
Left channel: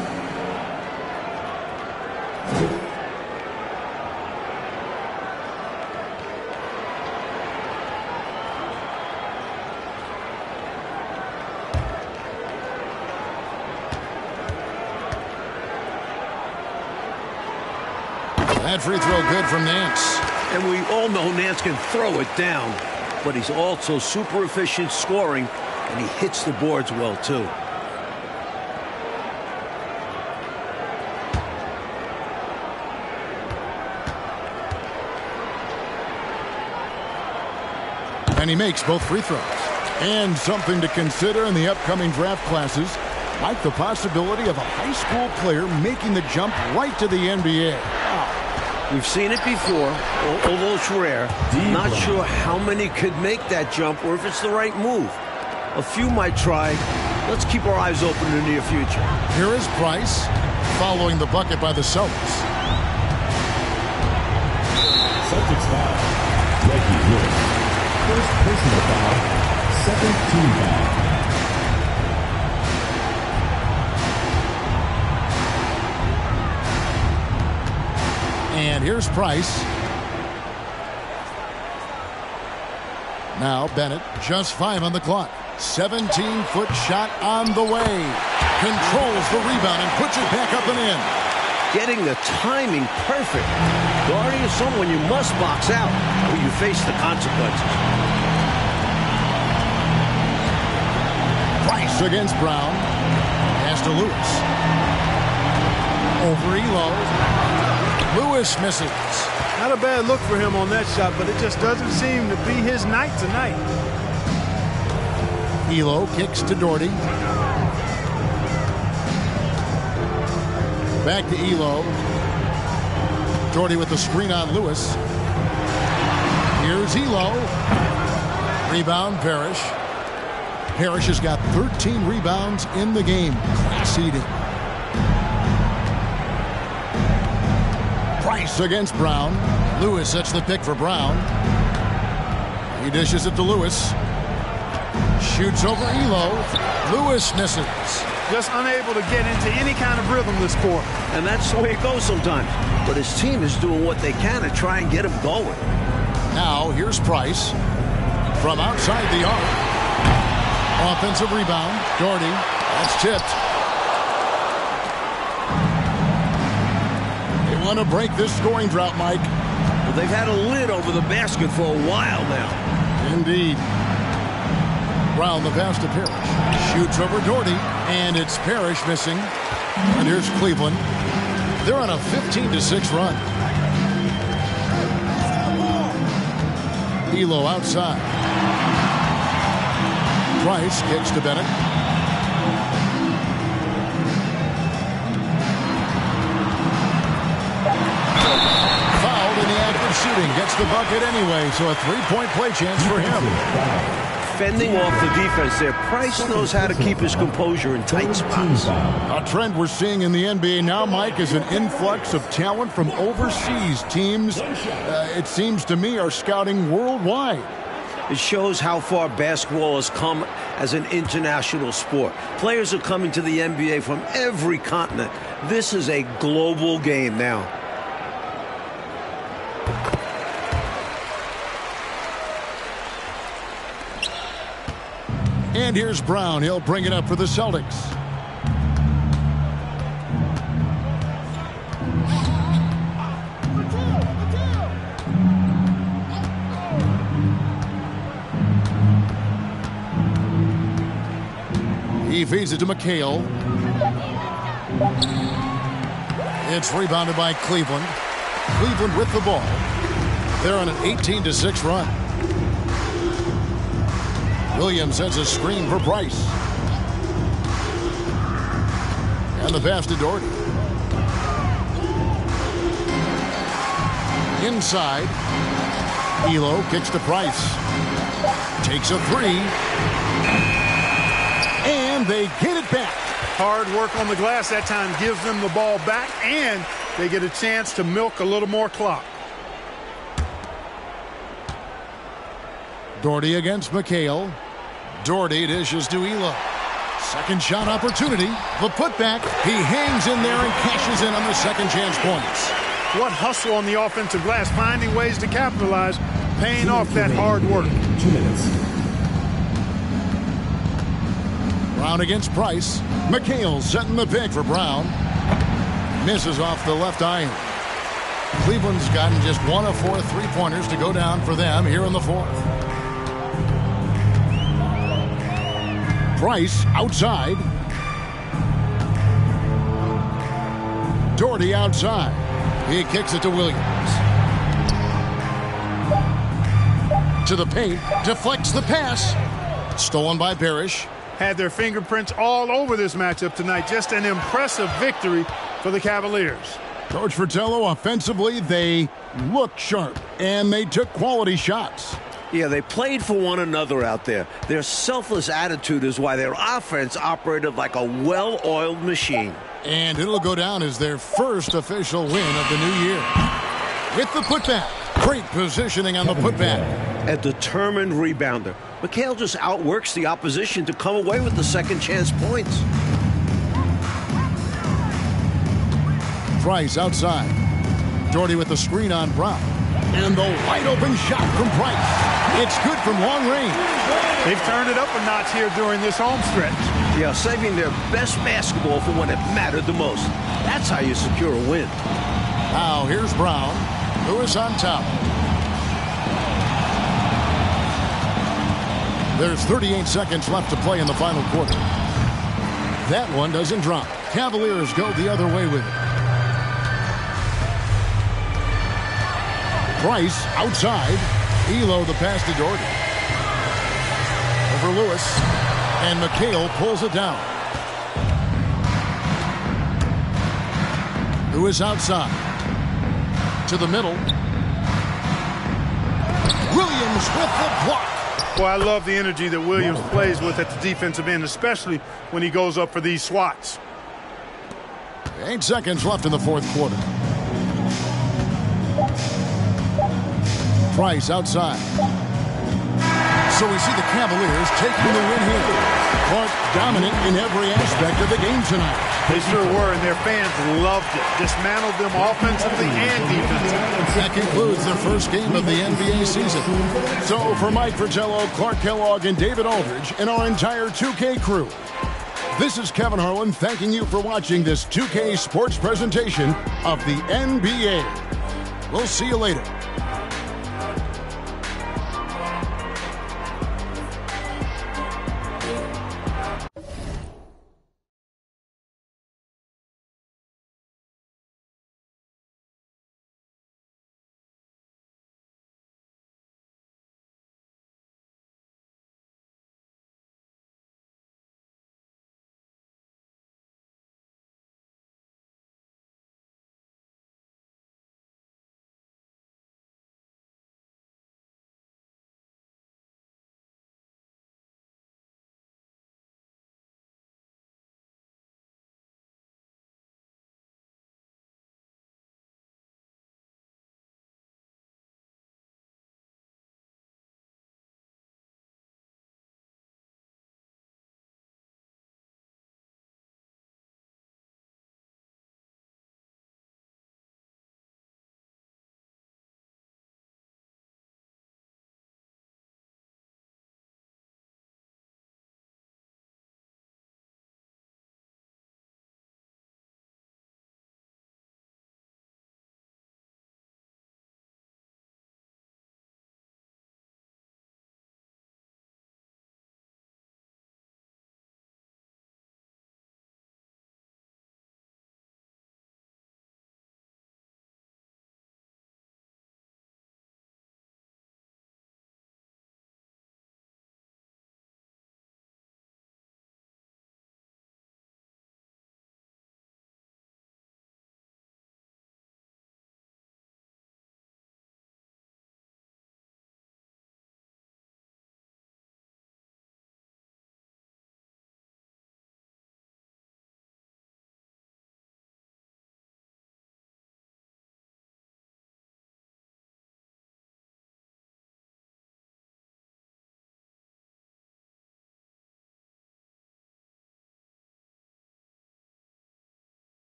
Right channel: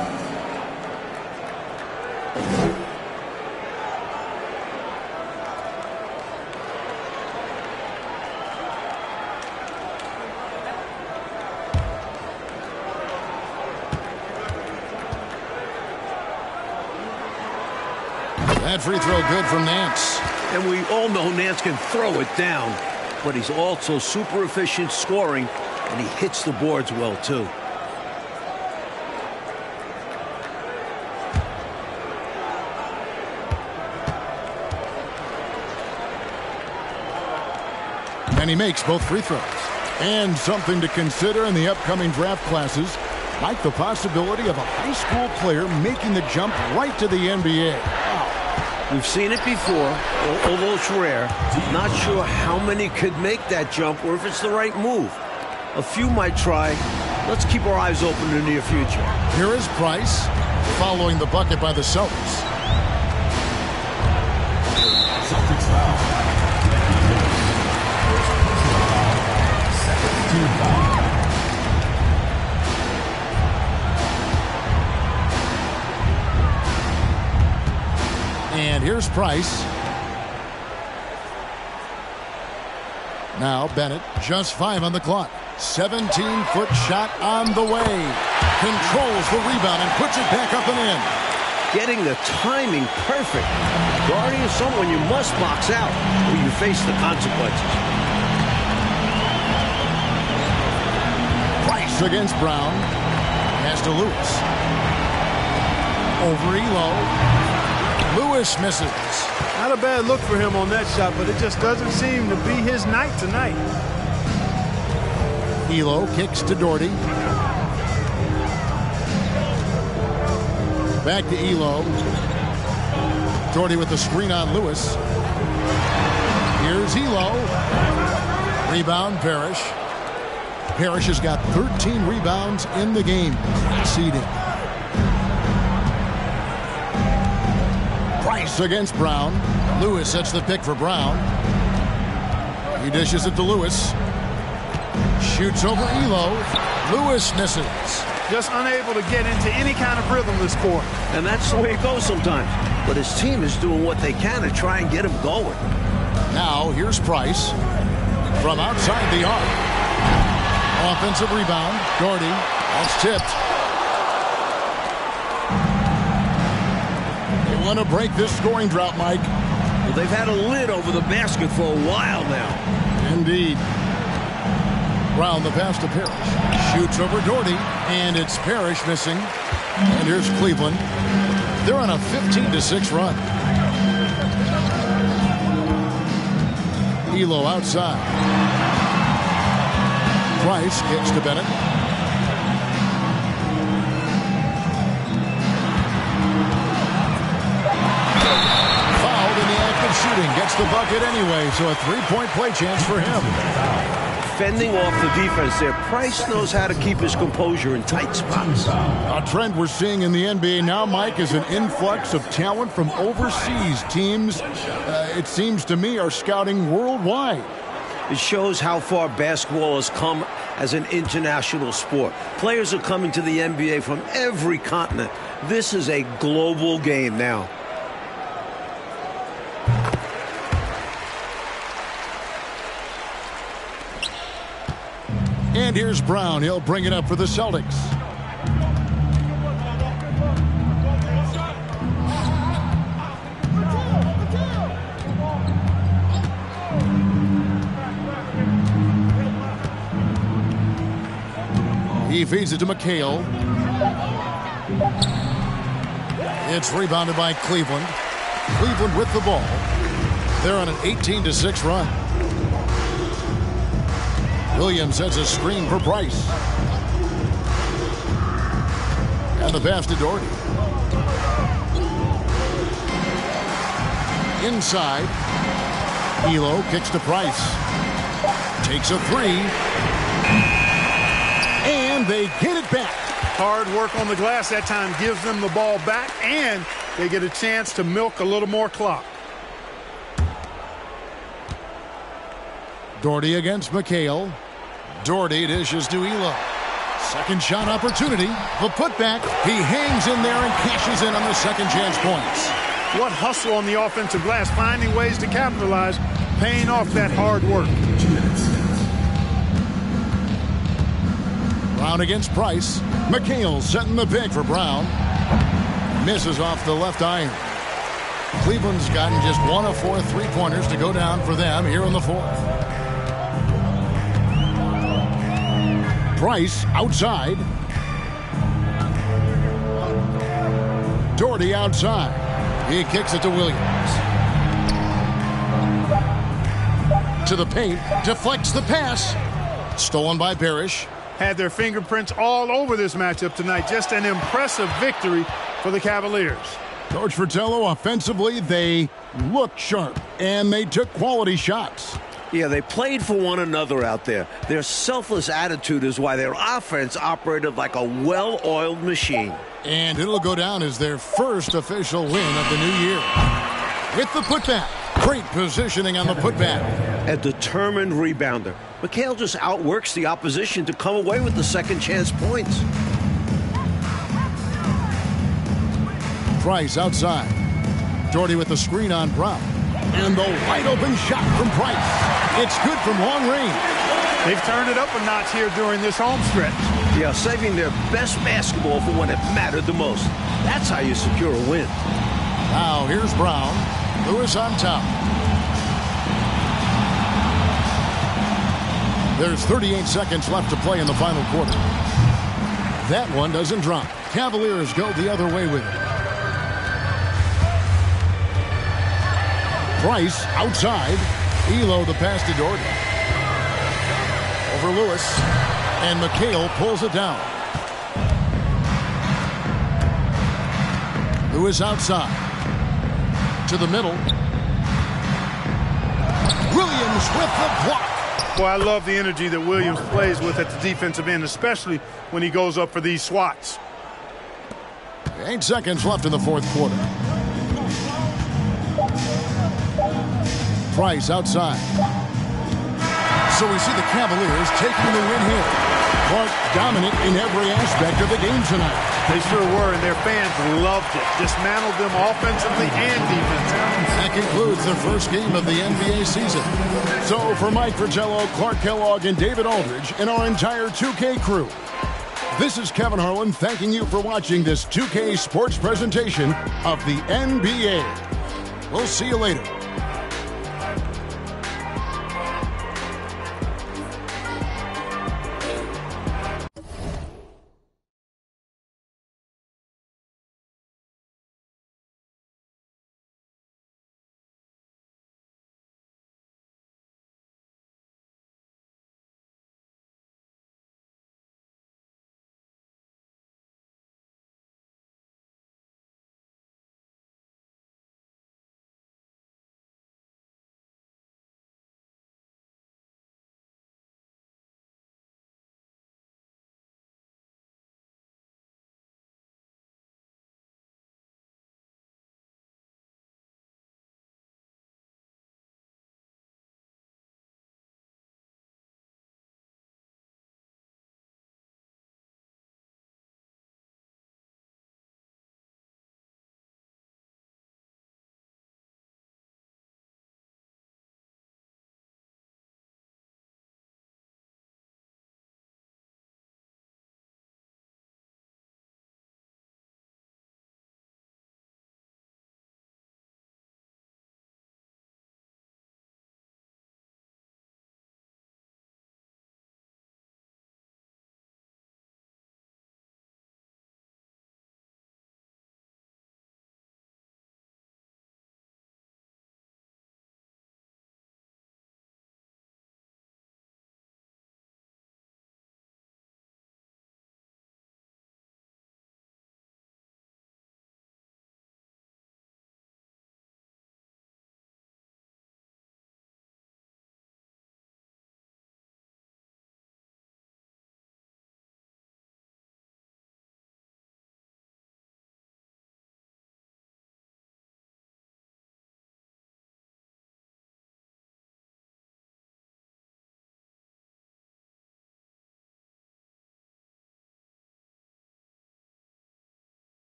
That free throw good from Nance. And we all know Nance can throw it down, but he's also super efficient scoring, and he hits the boards well, too. And he makes both free throws. And something to consider in the upcoming draft classes, Mike, the possibility of a high school player making the jump right to the NBA. Wow. We've seen it before, although it's rare. Not sure how many could make that jump or if it's the right move. A few might try. Let's keep our eyes open in the near future. Here is Price following the bucket by the Celtics. Celtics foul. Becky Lewis. First personal foul. Second team foul. And here's Price. Now Bennett, just 5 on the clock. 17-foot shot on the way. Controls the rebound and puts it back up and in. Getting the timing perfect. Guarding is someone you must box out or you face the consequences. Price against Brown. Pass to Lewis. Over Elo. Lewis misses. Not a bad look for him on that shot, but it just doesn't seem to be his night tonight. Elo kicks to Doherty. Back to Elo. Doherty with the screen on Lewis. Here's Elo. Rebound, Parrish. Parrish has got 13 rebounds in the game. Class eating. Price against Brown. Lewis sets the pick for Brown. He dishes it to Lewis. Shoots over Elo. Lewis misses. Just unable to get into any kind of rhythm this quarter. And that's the way it goes sometimes. But his team is doing what they can to try and get him going. Now here's Price from outside the arc. Offensive rebound. Doherty. That's tipped. They want to break this scoring drought, Mike. Well, they've had a lid over the basket for a while now. Indeed. Brown the pass to Parrish. Shoots over Doherty, and it's Parrish missing. And here's Cleveland. They're on a 15-6 run. Elo outside. Price kicks to Bennett. Fouled in the act of shooting. Gets the bucket anyway, so a 3-point play chance for him. fending off the defense there. Price knows how to keep his composure in tight spots. A trend we're seeing in the NBA now, Mike, is an influx of talent from overseas. Teams, it seems to me, are scouting worldwide. It shows how far basketball has come as an international sport. Players are coming to the NBA from every continent. This is a global game now. And here's Brown. He'll bring it up for the Celtics. He feeds it to McHale. It's rebounded by Cleveland. Cleveland with the ball. They're on an 18-6 run. Williams sets a screen for Price. And the pass to Doherty. Inside. Elo kicks to Price. Takes a three. And they get it back. Hard work on the glass that time gives them the ball back, and they get a chance to milk a little more clock. Doherty against McHale. Doherty dishes to Elo. Second shot opportunity. The putback. He hangs in there and cashes in on the second chance points. What hustle on the offensive glass, finding ways to capitalize, paying off that hard work. 2 minutes. Brown against Price. McHale setting the pick for Brown. Misses off the left iron. Cleveland's gotten just 1 of 4 three-pointers to go down for them here in the fourth. Price outside. Doherty outside. He kicks it to Williams. To the paint. Deflects the pass. Stolen by Parrish. Had their fingerprints all over this matchup tonight. Just an impressive victory for the Cavaliers. Coach Fratello, offensively, they looked sharp, and they took quality shots. Yeah, they played for one another out there. Their selfless attitude is why their offense operated like a well-oiled machine. And it'll go down as their first official win of the new year. With the putback. Great positioning on the putback. A determined rebounder. McHale just outworks the opposition to come away with the second chance points. Price outside. Doherty with the screen on Brown. And the wide open shot from Price. It's good from long range. They've turned it up a notch here during this home stretch. Yeah, saving their best basketball for when it mattered the most. That's how you secure a win. Now here's Brown. Lewis on top. There's 38 seconds left to play in the final quarter. That one doesn't drop. Cavaliers go the other way with it. Price outside. Elo the pass to Doherty. Over Lewis. And McHale pulls it down. Lewis outside. To the middle. Williams with the block. Well, I love the energy that Williams plays with at the defensive end, especially when he goes up for these swats. 8 seconds left in the fourth quarter. Price outside. So we see the Cavaliers taking the win here. Clark dominant in every aspect of the game tonight. They sure were, and their fans loved it. Dismantled them offensively and defensively. That concludes the first game of the NBA season. So for Mike Fratello, Clark Kellogg, and David Aldridge, and our entire 2K crew, this is Kevin Harlan thanking you for watching this 2K sports presentation of the NBA. We'll see you later.